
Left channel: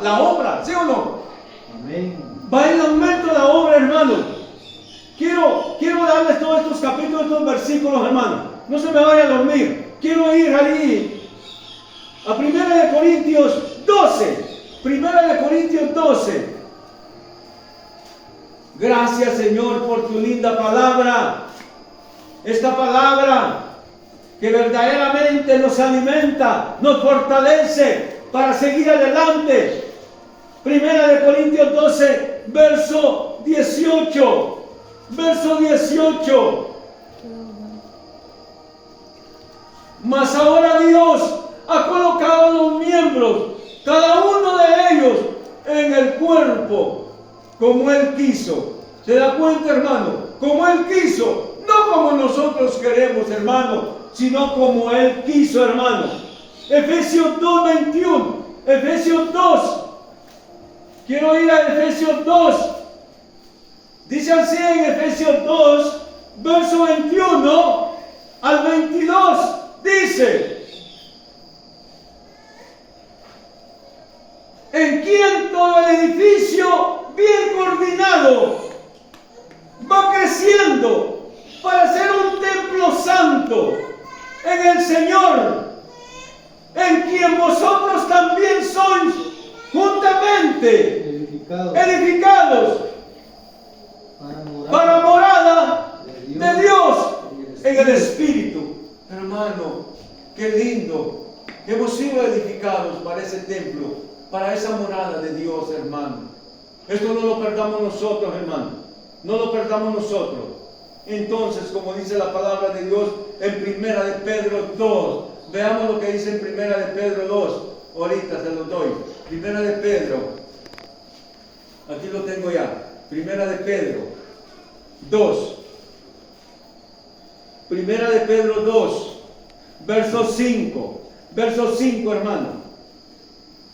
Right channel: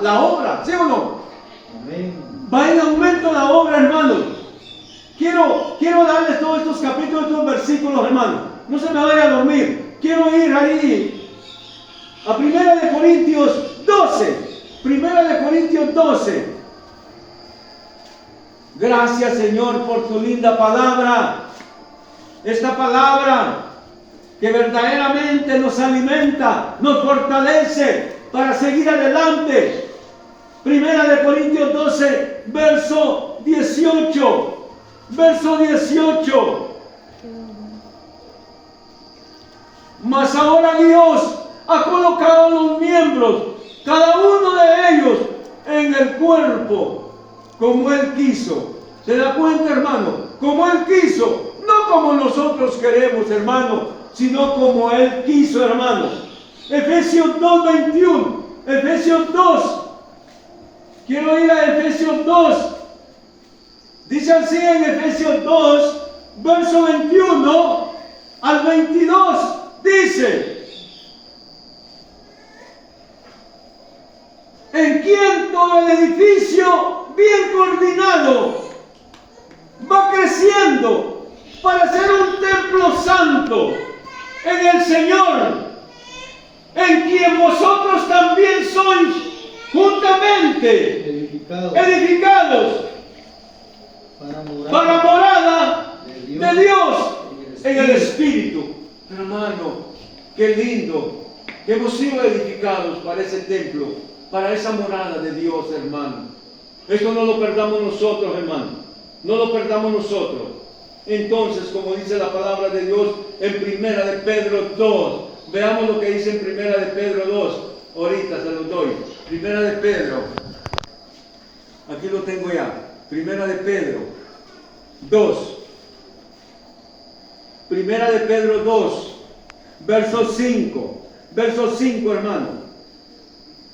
la obra, ¿sí o no? Amén. Va en aumento la obra, hermano. Quiero darles todos estos capítulos, estos versículos, hermano. No se me vayan a dormir. Quiero ir ahí a 1 Corintios 12. 1 Corintios 12. Gracias, Señor, por tu linda palabra. Esta palabra que verdaderamente nos alimenta, nos fortalece para seguir adelante. 1 Corintios 12, verso 18. Verso 18. Mas ahora Dios ha colocado los miembros, cada uno de ellos, en el cuerpo, como Él quiso. ¿Se da cuenta, hermano? Como Él quiso, no como nosotros queremos, hermano, sino como Él quiso, hermano. Efesios 2:21. Efesios 2. Quiero ir a Efesios 2. Dice así en Efesios 2, verso 21 al 22. Dice: en quien todo el edificio bien coordinado va creciendo para ser un templo santo en el Señor, en quien vosotros también sois juntamente edificados para morada de Dios en el Espíritu. Hermano, qué lindo que hemos sido edificados para ese templo, para esa morada de Dios, hermano. Esto no lo perdamos nosotros, hermano. No lo perdamos nosotros. Entonces, como dice la palabra de Dios en 1 de Pedro 2, veamos lo que dice en 1 de Pedro 2. Ahorita se los doy. 1 de Pedro. Aquí lo tengo ya. 1 de Pedro 2. 1 de Pedro 2, verso 5. Verso 5, hermano.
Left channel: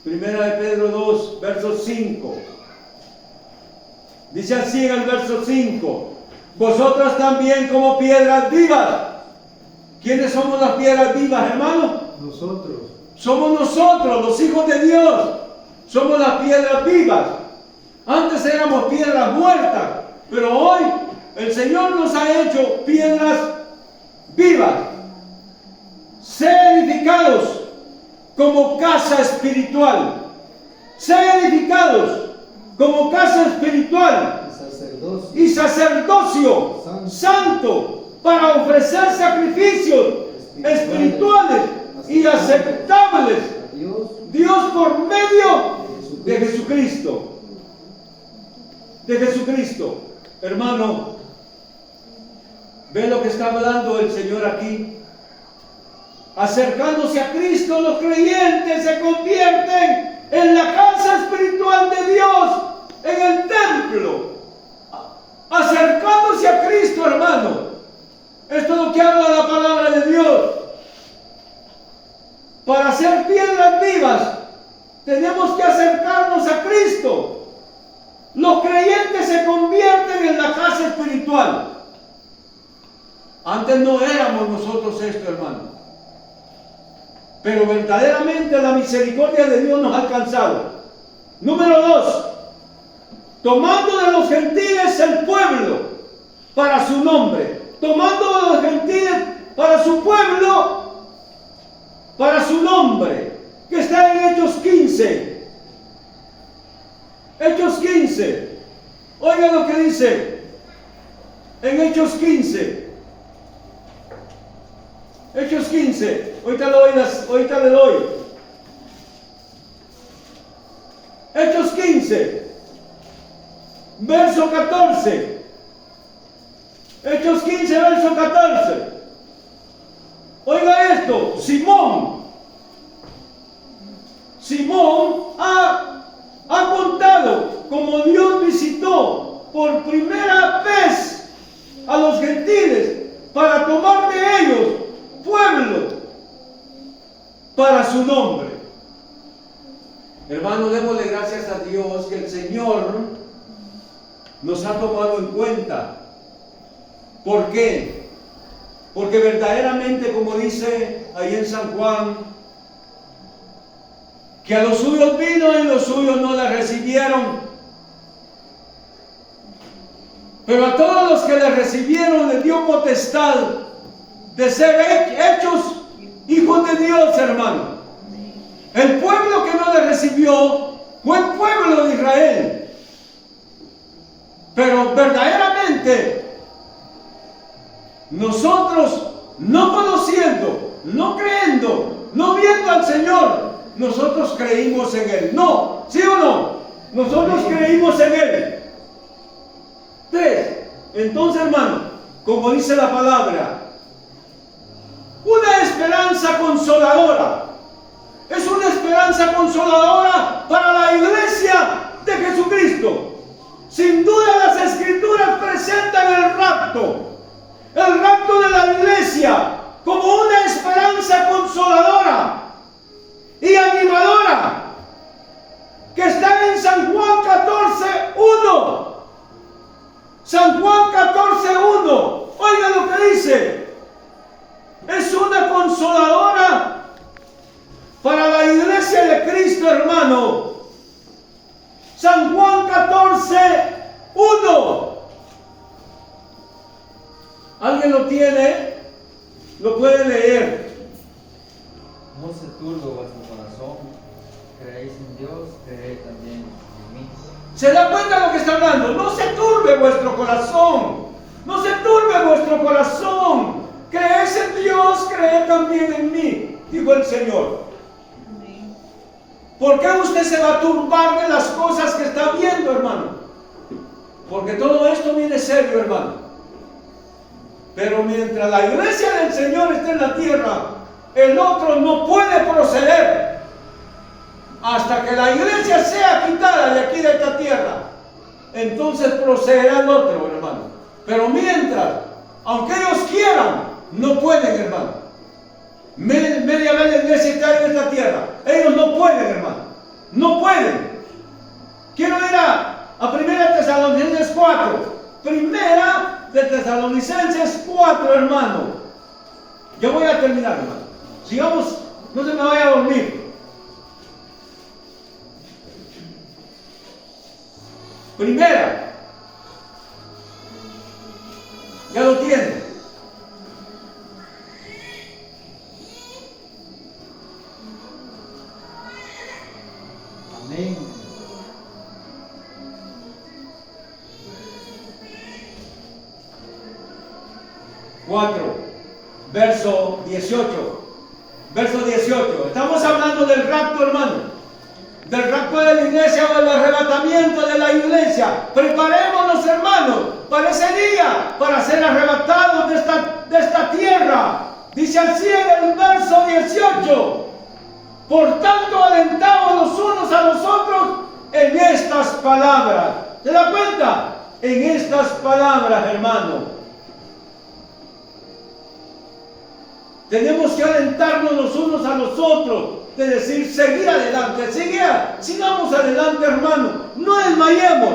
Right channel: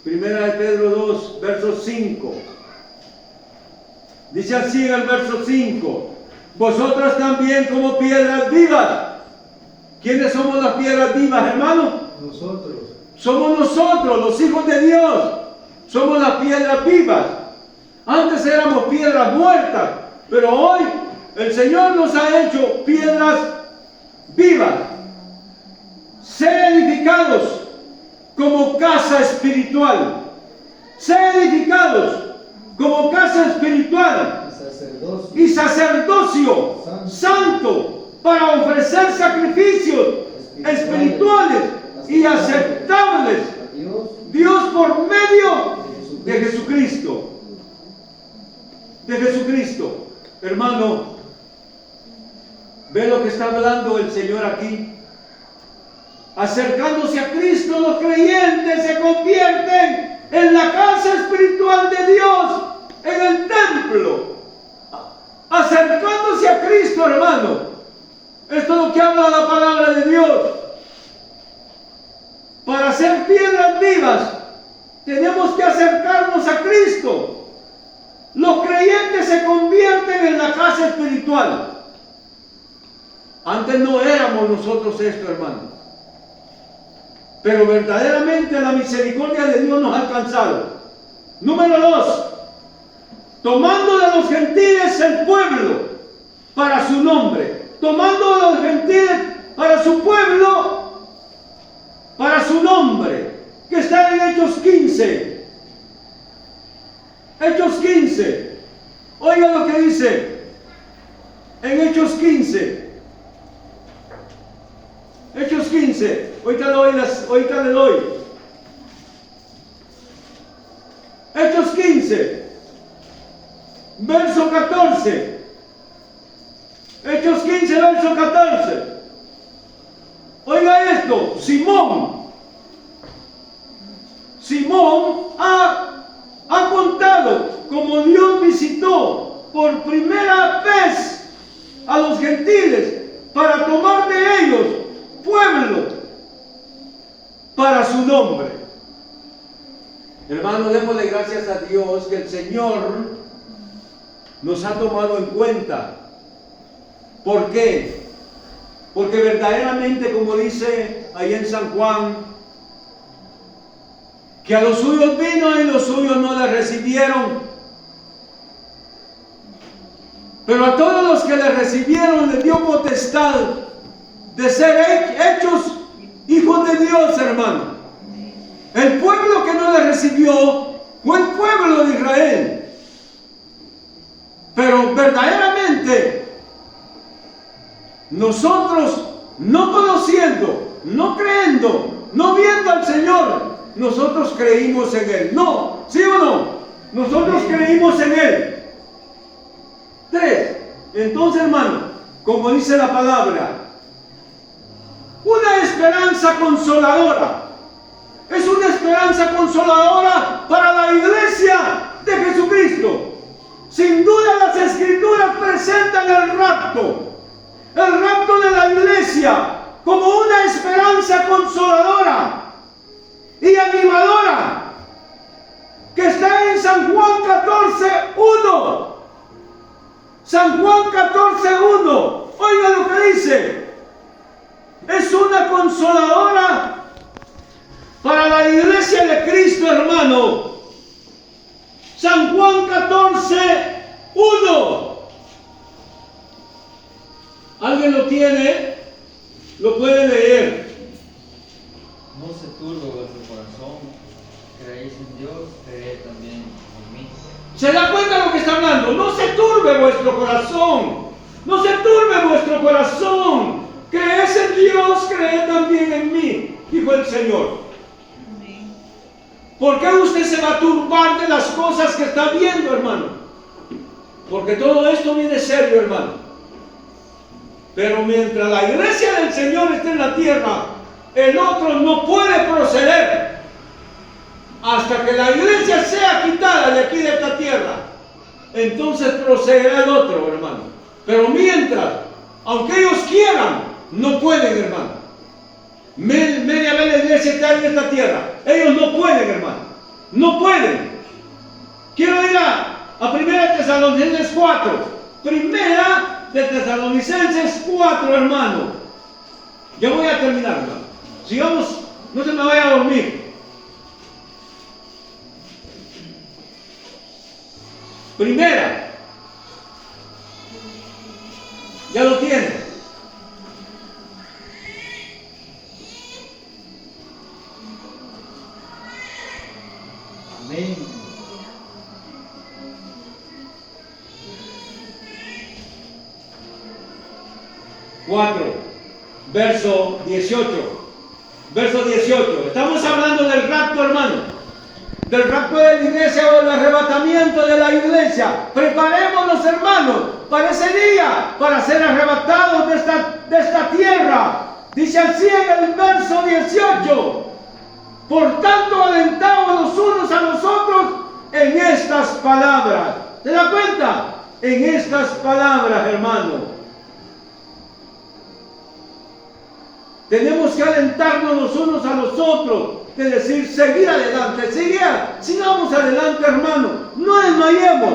1 de Pedro 2, verso 5. Dice así en el verso 5: vosotros también como piedras vivas. ¿Quiénes somos las piedras vivas, hermano? Nosotros. Somos nosotros, los hijos de Dios. Somos las piedras vivas. Antes éramos piedras muertas, pero hoy el Señor nos ha hecho piedras vivas. Ser edificados como casa espiritual. Ser edificados como casa espiritual y sacerdocio santo para ofrecer sacrificios espirituales y aceptables Dios por medio de Jesucristo. De Jesucristo. Hermano, ve lo que está hablando el Señor aquí. Acercándose a Cristo, los creyentes se convierten en la casa espiritual de Dios, en el templo. Acercándose a Cristo, hermano. Esto es lo que habla la palabra de Dios. Para ser piedras vivas, tenemos que acercarnos a Cristo. Los creyentes se convierten en la casa espiritual. Antes no éramos nosotros esto, hermano. Pero verdaderamente la misericordia de Dios nos ha alcanzado. Número 2. Tomando de los gentiles el pueblo para su nombre. Tomando de los gentiles para su pueblo, para su nombre. Que está en Hechos 15. Hechos 15. Oiga lo que dice en Hechos 15. Hechos 15. Ahorita le doy. Hechos 15. Verso 14. Hechos 15, verso 14. Oiga esto. Simón ha contado como Dios visitó por primera vez a los gentiles para tomar de ellos pueblo para su nombre. Hermano, démosle gracias a Dios que el Señor nos ha tomado en cuenta. ¿Por qué? Porque verdaderamente, como dice ahí en San Juan, que a los suyos vino y los suyos no le recibieron. Pero a todos los que le recibieron les dio potestad de ser hechos hijos de Dios, hermano. El pueblo que no le recibió fue el pueblo de Israel. Pero verdaderamente nosotros, no conociendo, no creyendo, no viendo al Señor, nosotros creímos en Él. No, ¿sí o no? Nosotros creímos en Él. 3. Entonces, hermano, como dice la palabra, una esperanza consoladora. Es una esperanza consoladora para la iglesia de Jesucristo. Sin duda las Escrituras presentan el rapto de la iglesia como una esperanza consoladora y animadora que está en San Juan 14:1. San Juan 14:1. Oiga lo que dice. Es una consoladora para la iglesia de Cristo, hermano. San Juan 14:1. ¿Alguien lo tiene? Lo puede leer. No se turbe vuestro corazón. Creéis en Dios, creed también en mí. ¿Se da cuenta de lo que está hablando? No se turbe vuestro corazón. No se turbe vuestro corazón. Crees en Dios, creed también en mí, dijo el Señor. ¿Por qué usted se va a turbar de las cosas que está viendo, hermano? Porque todo esto viene serio, hermano. Pero mientras la iglesia del Señor esté en la tierra, el otro no puede proceder hasta que la iglesia sea quitada de aquí de esta tierra. Entonces procederá el otro, hermano. Pero mientras, aunque ellos quieran, no pueden, hermano. Media vez la iglesia está en esta tierra. Ellos no pueden, hermano. No pueden. Quiero ir a 1 Tesalonicenses 4. Primera de Tesalonicenses 4, hermano. Ya voy a terminar, hermano. Sigamos No se me vaya a dormir. Primera. Ya lo tiene. Amén. Cuatro, verso 18. Verso 18. Estamos hablando del rapto, hermano. Del rapto de la iglesia o del arrebatamiento de la iglesia. Preparémonos, hermanos, para ese día, para ser arrebatados de esta tierra. Dice así en el verso 18. Por tanto, alentaos los unos a los otros en estas palabras. ¿Se da cuenta? En estas palabras, hermano. Tenemos que alentarnos los unos a los otros, de decir, seguir adelante, sigamos adelante, hermano, no desmayemos.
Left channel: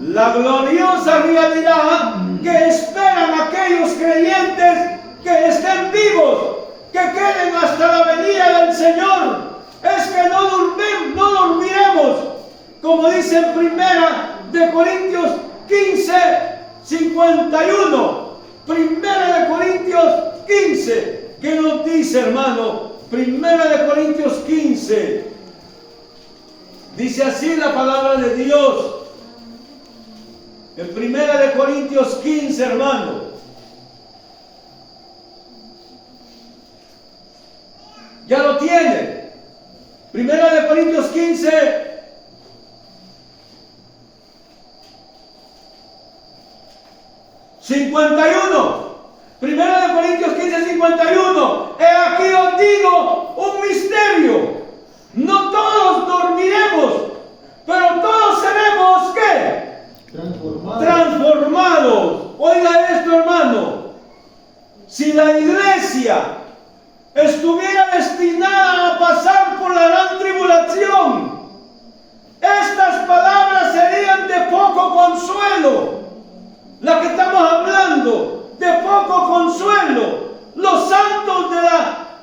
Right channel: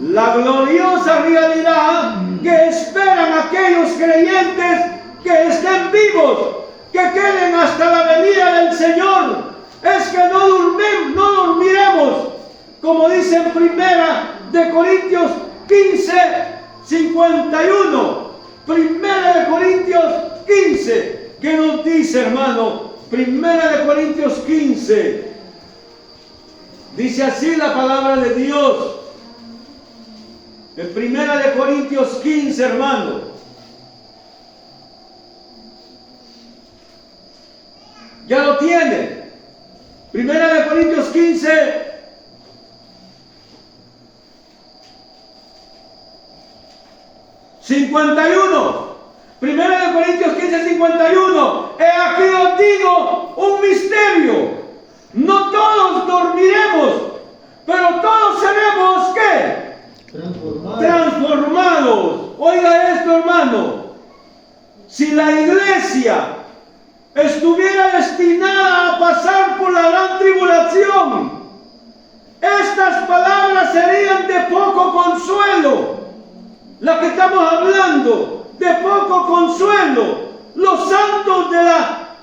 La gloriosa realidad que esperan aquellos creyentes que estén vivos, que queden hasta la venida del Señor, es que no dormiremos, como dice en Primera de Corintios 15, 51. Primera de Corintios 15, ¿qué nos dice, hermano? Primera de Corintios 15, dice así la palabra de Dios. En Primera de Corintios 15, hermano. Ya lo tiene. Primera de Corintios 15. Primera de Corintios 15, 51. He aquí os digo un misterio. No todos dormiremos, pero todos seremos ¿qué? Transformados. Oiga esto, hermano. Si la iglesia estuviera destinada a pasar por la gran tribulación, estas palabras serían de poco consuelo. La que estamos hablando, de poco consuelo. Los santos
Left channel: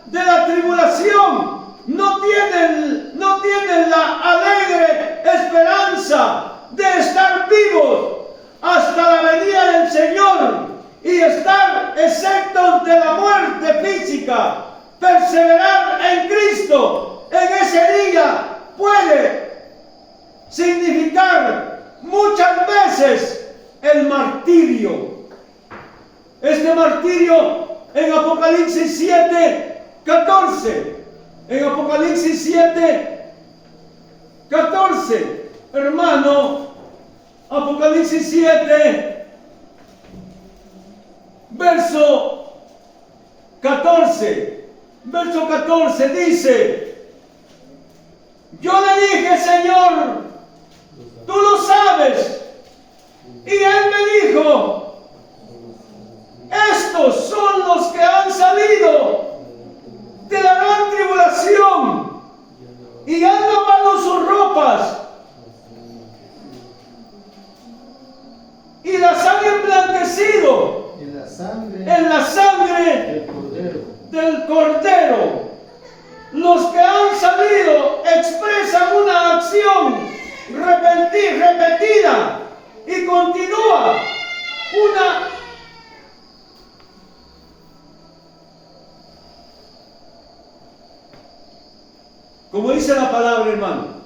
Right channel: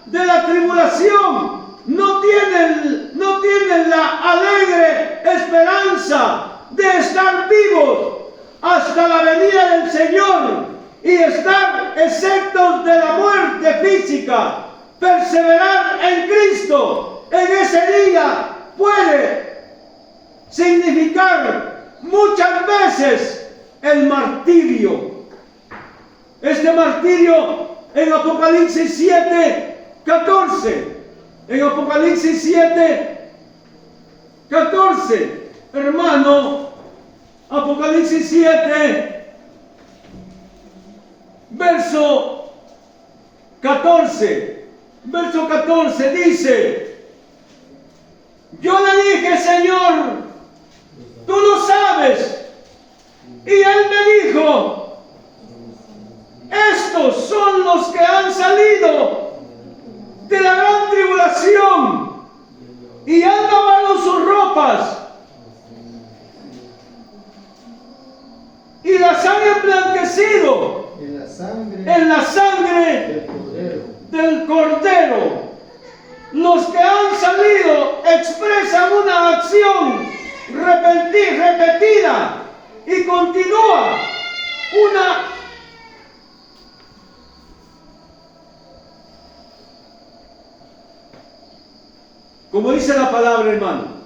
de la tribulación no tienen la alegre esperanza de estar vivos hasta la venida del Señor y estar exentos de la muerte física. Perseverar en Cristo en ese día puede significar muchas veces el martirio. Este martirio en Apocalipsis 7, 14. En Apocalipsis 7, 14. Hermano, Apocalipsis 7, verso 14. Verso 14 dice: yo le dije, Señor, tú lo sabes. Y él me dijo: estos son los que han salido de la gran tribulación y han lavado sus ropas y las han emblanquecido en la sangre del Cordero. Los que han salido expresan una acción repetida y continúa como dice la palabra, hermano.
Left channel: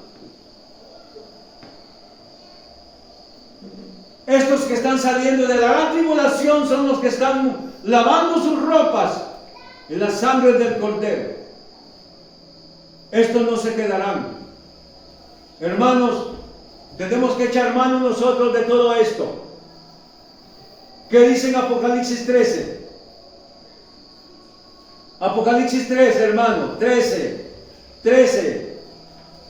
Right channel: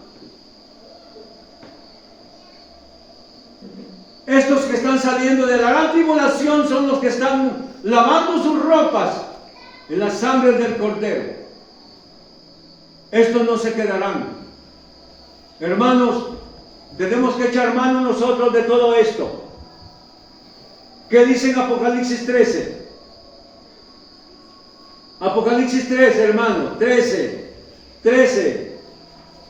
Estos que están saliendo de la gran tribulación son los que están lavando sus ropas en la sangre del Cordero. Estos no se quedarán. Hermanos, tenemos que echar mano nosotros de todo esto. ¿Qué dice en Apocalipsis 13? Apocalipsis 13, hermano, 13,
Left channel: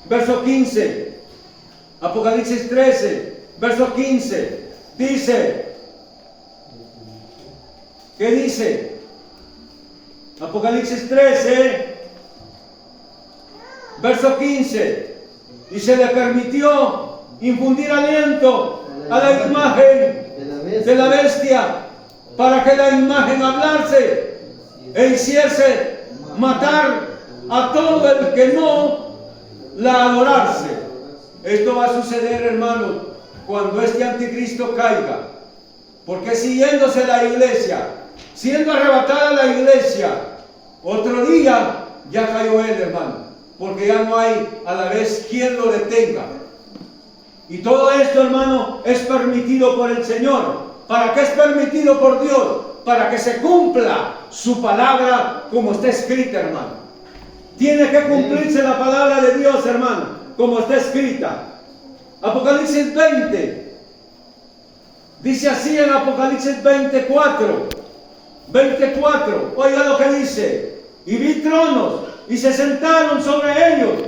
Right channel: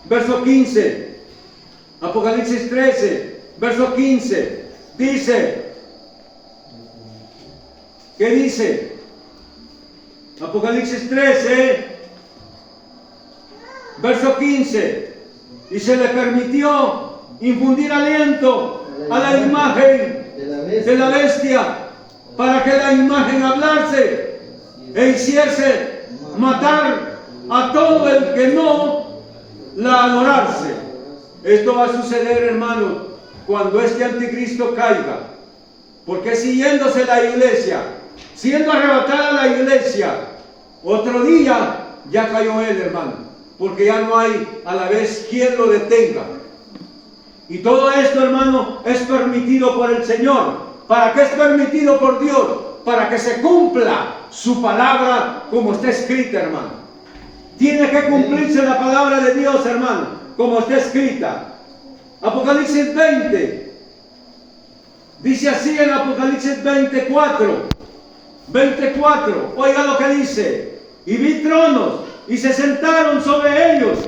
verso 15. Apocalipsis 13, verso 15. Dice, ¿qué dice? Apocalipsis 13, verso 15. Y se le permitió infundir aliento a la imagen de la bestia, para que la imagen hablase e hiciese matar a todo el que no la adorarse. Esto va a suceder, hermano, cuando este anticristo caiga. Porque siguiéndose la iglesia, siendo arrebatada la iglesia, otro día ya cayó él, hermano. Porque ya no hay a la vez quien lo detenga. Y todo esto, hermano, es permitido por el Señor. ¿Para qué es permitido por Dios? Para que se cumpla su palabra como está escrita, hermano. Tiene que cumplirse la palabra de Dios, hermano, como está escrita. Apocalipsis 20. Dice así en Apocalipsis 24. Oiga lo que dice. Y vi tronos y se sentaron sobre ellos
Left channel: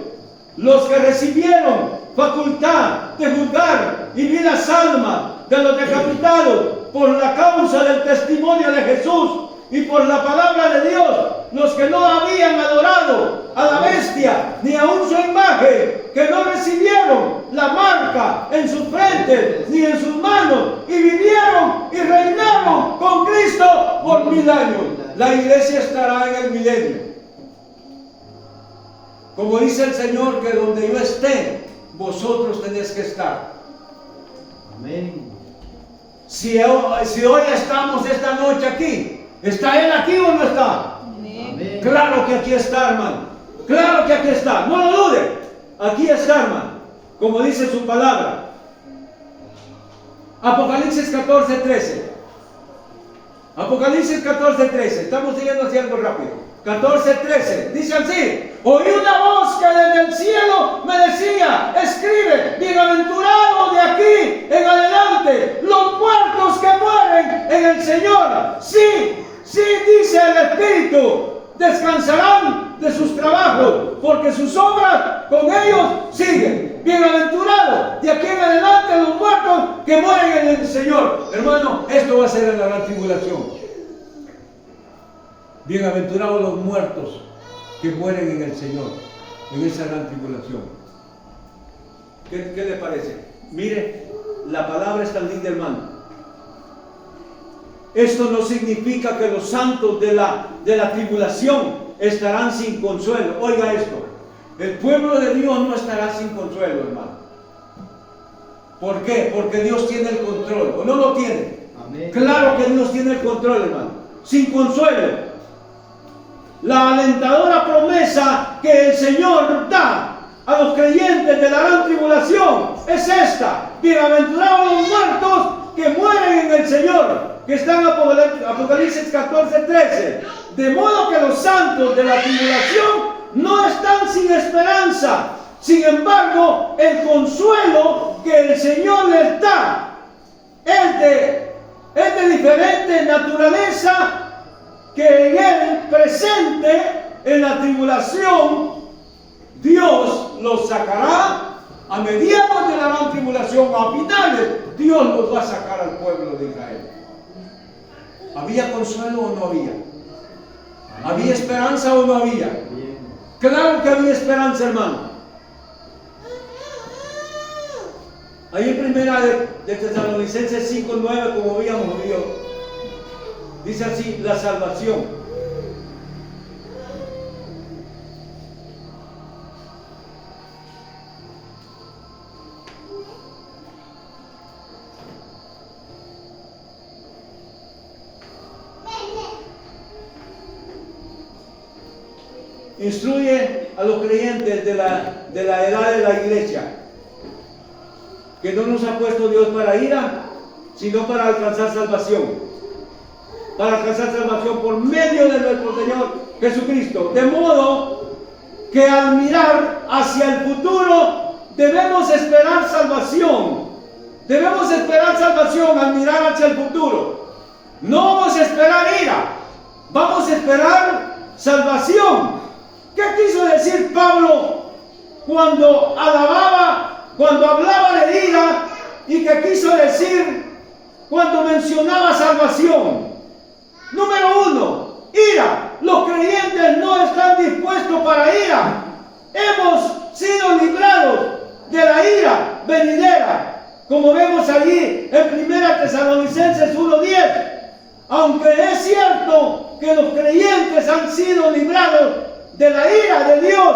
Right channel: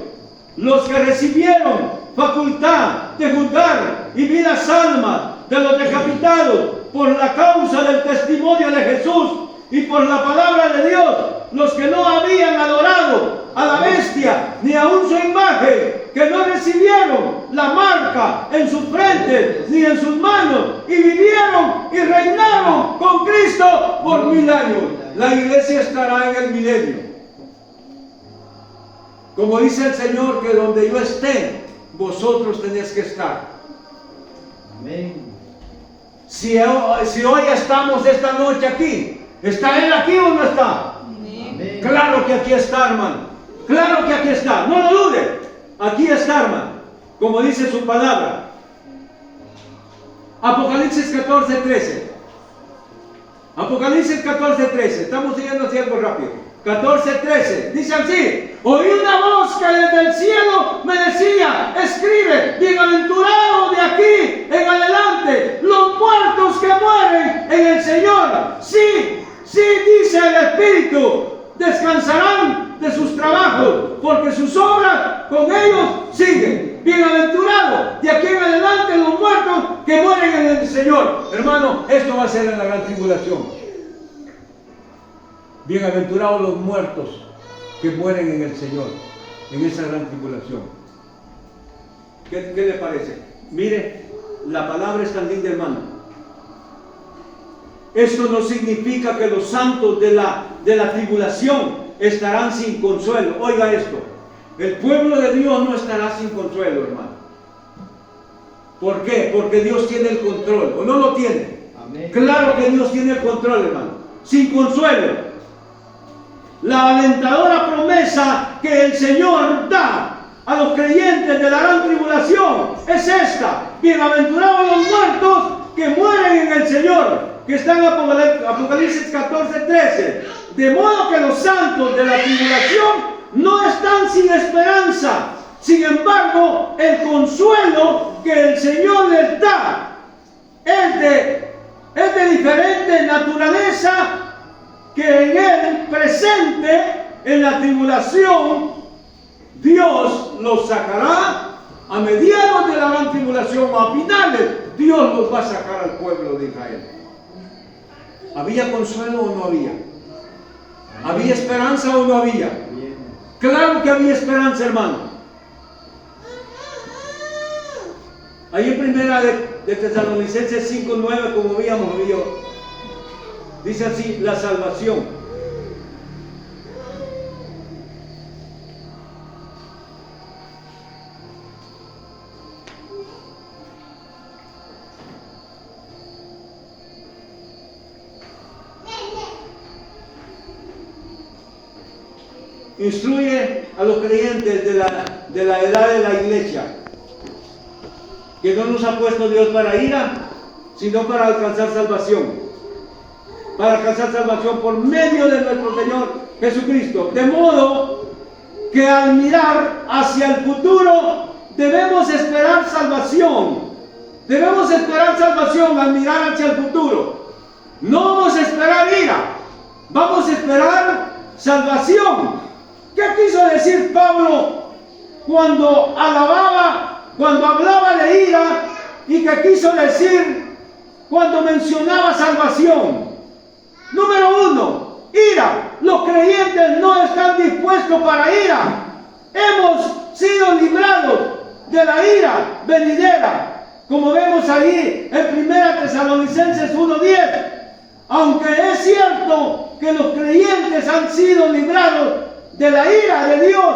los que recibieron facultad de juzgar, y vi las almas de los decapitados por la causa del testimonio de Jesús y por la palabra de Dios, los que no habían adorado a la bestia ni aun su imagen, que no recibieron la marca en sus frentes ni en sus manos, y vivieron y reinaron con Cristo por 1000 años. La iglesia estará en el milenio. Como dice el Señor, que donde yo esté, vosotros tenéis que estar. Amén. Si hoy estamos esta noche aquí, ¿está Él aquí o no está? Amén. Claro que aquí está, hermano. Claro que aquí está. No lo dude. Aquí está, hermano. Como dice su palabra. Apocalipsis 14:13. Apocalipsis 14:13. Estamos siguiendo así algo rápido. 14:13. Dice así: oí una voz que desde el cielo me decía: escribe, bienaventurado de aquí en adelante los muertos que mueren en el Señor. Sí, dice el Espíritu, descansarán de sus trabajos, porque sus obras con ellos siguen. Bienaventurados de aquí en adelante los muertos que mueren en el Señor. Hermano, esto va a ser en la gran tribulación. Bienaventurados los muertos que mueren en el Señor, en esa gran tribulación. ¿Qué le parece? Mire, la palabra es tan linda, hermano. Esto no significa que los santos de la tribulación estarán sin consuelo. Oiga esto: el pueblo de Dios no estará sin consuelo, hermano. ¿Por qué? Porque Dios tiene el control. ¿O no lo tiene? Amén. Claro que Dios tiene el control, hermano. Sin consuelo. La alentadora promesa que el Señor da a los creyentes de la gran tribulación es esta: bienaventurados los muertos que mueren en el Señor, que está en Apocalipsis 14:13. De modo que los santos de la tribulación no están sin esperanza. Sin embargo, el consuelo que el Señor les da es de diferente naturaleza, que en Él presente en la tribulación Dios los sacará a mediados de la gran tribulación, o a finales Dios los va a sacar al pueblo de Israel. ¿Había consuelo o no había? ¿Había esperanza o no había? Claro que había esperanza, hermano. Ahí en primera de Tesalonicenses 5:9, como habíamos oído, dice así: la salvación. Instruye a los creyentes de la edad de la iglesia, que no nos ha puesto Dios para ira, sino para alcanzar salvación. Para alcanzar salvación por medio de nuestro Señor Jesucristo. De modo que al mirar hacia el futuro debemos esperar salvación. Debemos esperar salvación al mirar hacia el futuro. No vamos a esperar ira, vamos a esperar salvación. ¿Qué quiso decir Pablo cuando hablaba de ira? ¿Y qué quiso decir cuando mencionaba salvación? Número 1, ira. Los creyentes no están dispuestos para ira. Hemos sido librados de la ira venidera, como vemos allí en 1 Tesalonicenses 1:10. Aunque es cierto que los creyentes han sido librados de la ira de Dios,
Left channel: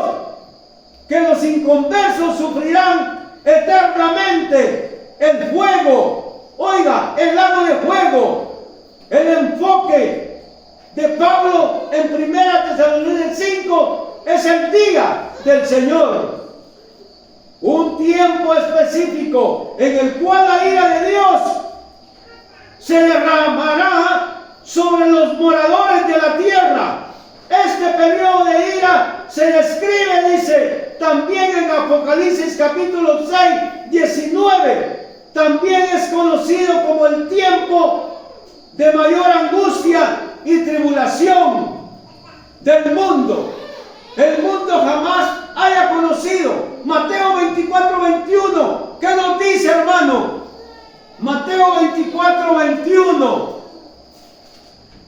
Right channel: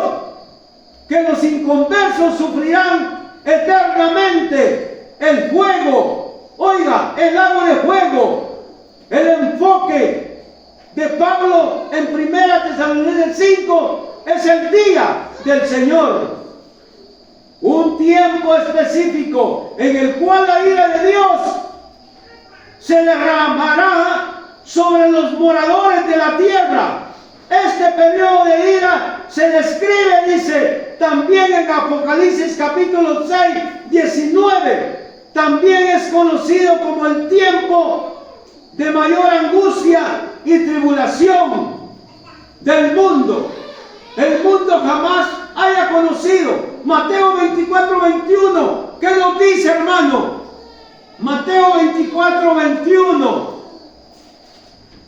que los inconversos sufrirán eternamente el fuego. Oiga, el lago de fuego, el enfoque de Pablo en 1 Tesalonicenses 5 es el día del Señor. Un tiempo específico en el cual la ira de Dios se derramará sobre los moradores de la tierra. Este periodo de ira se describe, dice, también en Apocalipsis capítulo 6, 19. También es conocido como el tiempo de mayor angustia y tribulación del mundo. El mundo jamás haya conocido. Mateo 24, 21. ¿Qué nos dice, hermano? Mateo 24, 21.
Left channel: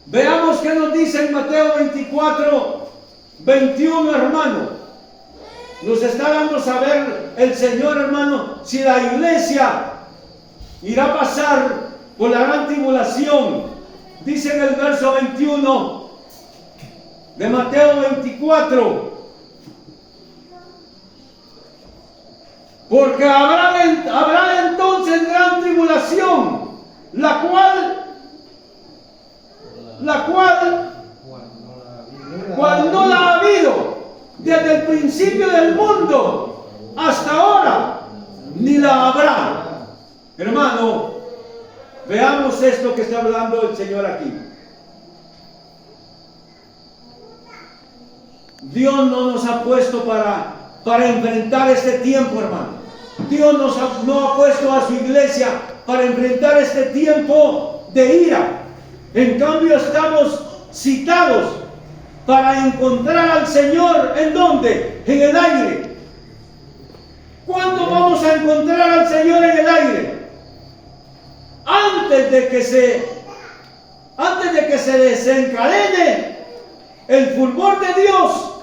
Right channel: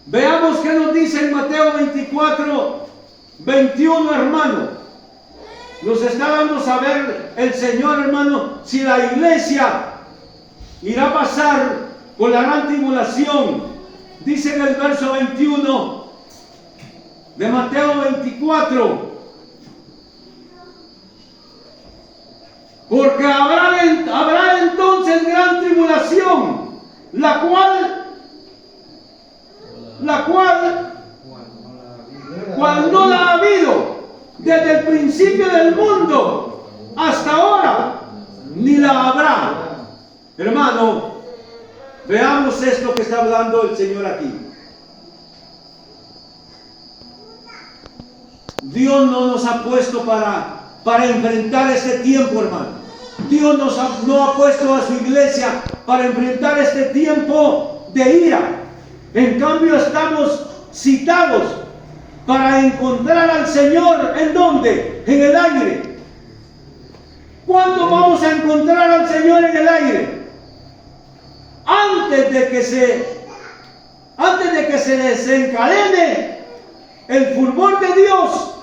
Veamos qué nos dice en Mateo 24, 21, hermano. Nos está dando a saber el Señor, hermano, si la iglesia irá a pasar por la gran tribulación. Dice en el verso 21 de Mateo 24. Porque habrá entonces gran tribulación, la cual no la ha habido desde el principio del mundo hasta ahora, ni la habrá. Hermano, veamos esto que está hablando el Señor aquí. Dios no nos ha puesto para enfrentar este tiempo, hermano. Dios no ha puesto a su iglesia para enfrentar este tiempo de ira. En cambio, estamos citados para encontrar al Señor. ¿En dónde? En el aire. ¿Cuándo vamos a encontrar al Señor en el aire? Antes de que se desencadene el fulgor de Dios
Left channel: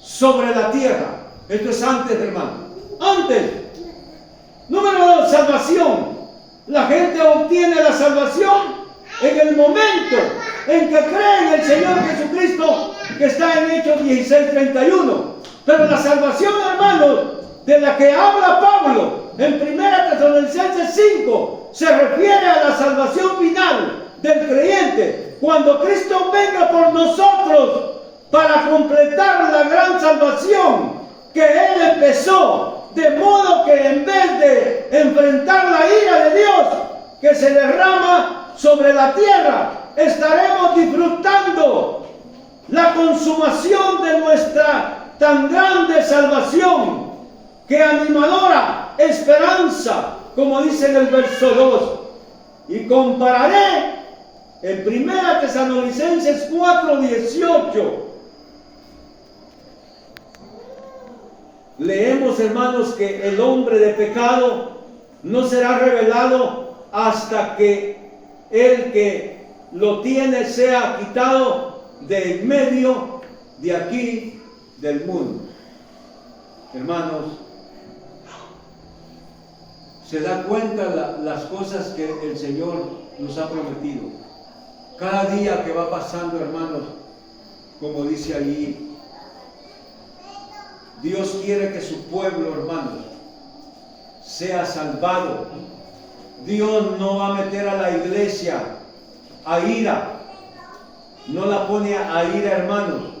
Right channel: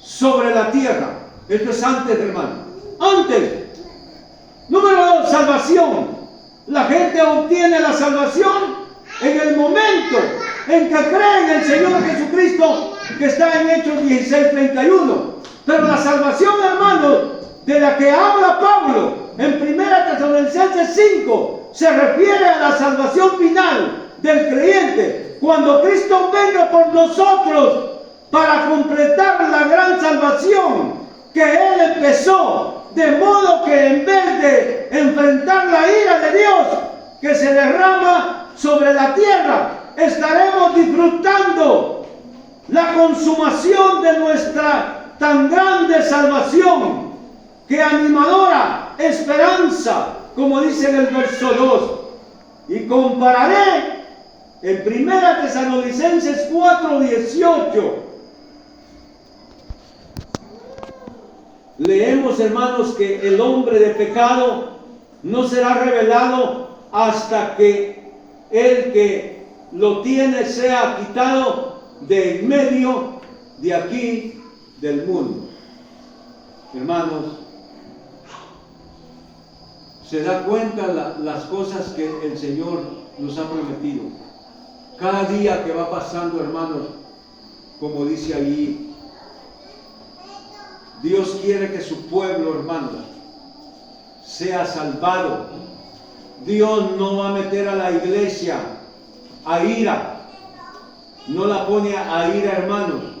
sobre la tierra. Esto es antes, hermano. Antes. Número 2, salvación. La gente obtiene la salvación en el momento en que cree en el Señor Jesucristo, que está en Hechos 16:31. Pero la salvación, hermano, de la que habla Pablo en 1 Tesalonicenses 5, se refiere a la salvación final del creyente, cuando Cristo venga por nosotros para completar la gran salvación que Él empezó. De modo que en vez de enfrentar la ira de Dios que se derrama sobre la tierra, estaremos disfrutando la consumación de nuestra tan grande salvación, que animadora esperanza, como dice en el verso 2. Y compararé en 1 Tesalonicenses 4:18. Leemos, hermanos, que el hombre de pecado no será revelado hasta que el que lo tiene sea quitado de en medio de aquí del mundo. Hermanos, se da cuenta las cosas que el Señor nos ha prometido. Cada día que va pasando, hermanos, como dice allí, Dios quiere que su pueblo, hermanos, sea salvado. Dios no va a meter a la iglesia a ira. No la pone a ira, hermanos.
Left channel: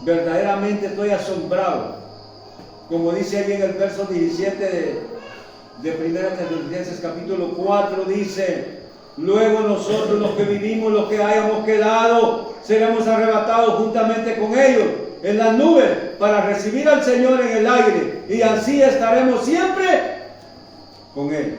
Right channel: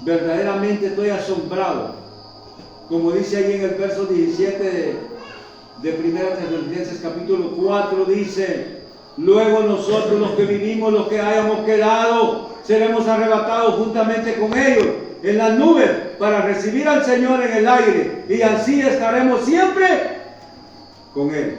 Verdaderamente estoy asombrado. Como dice ahí en el verso 17 de 1 Tesalonicenses capítulo 4, dice: luego nosotros, los que vivimos, los que hayamos quedado, seremos arrebatados juntamente con ellos en las nubes para recibir al Señor en el aire, y así estaremos siempre con Él.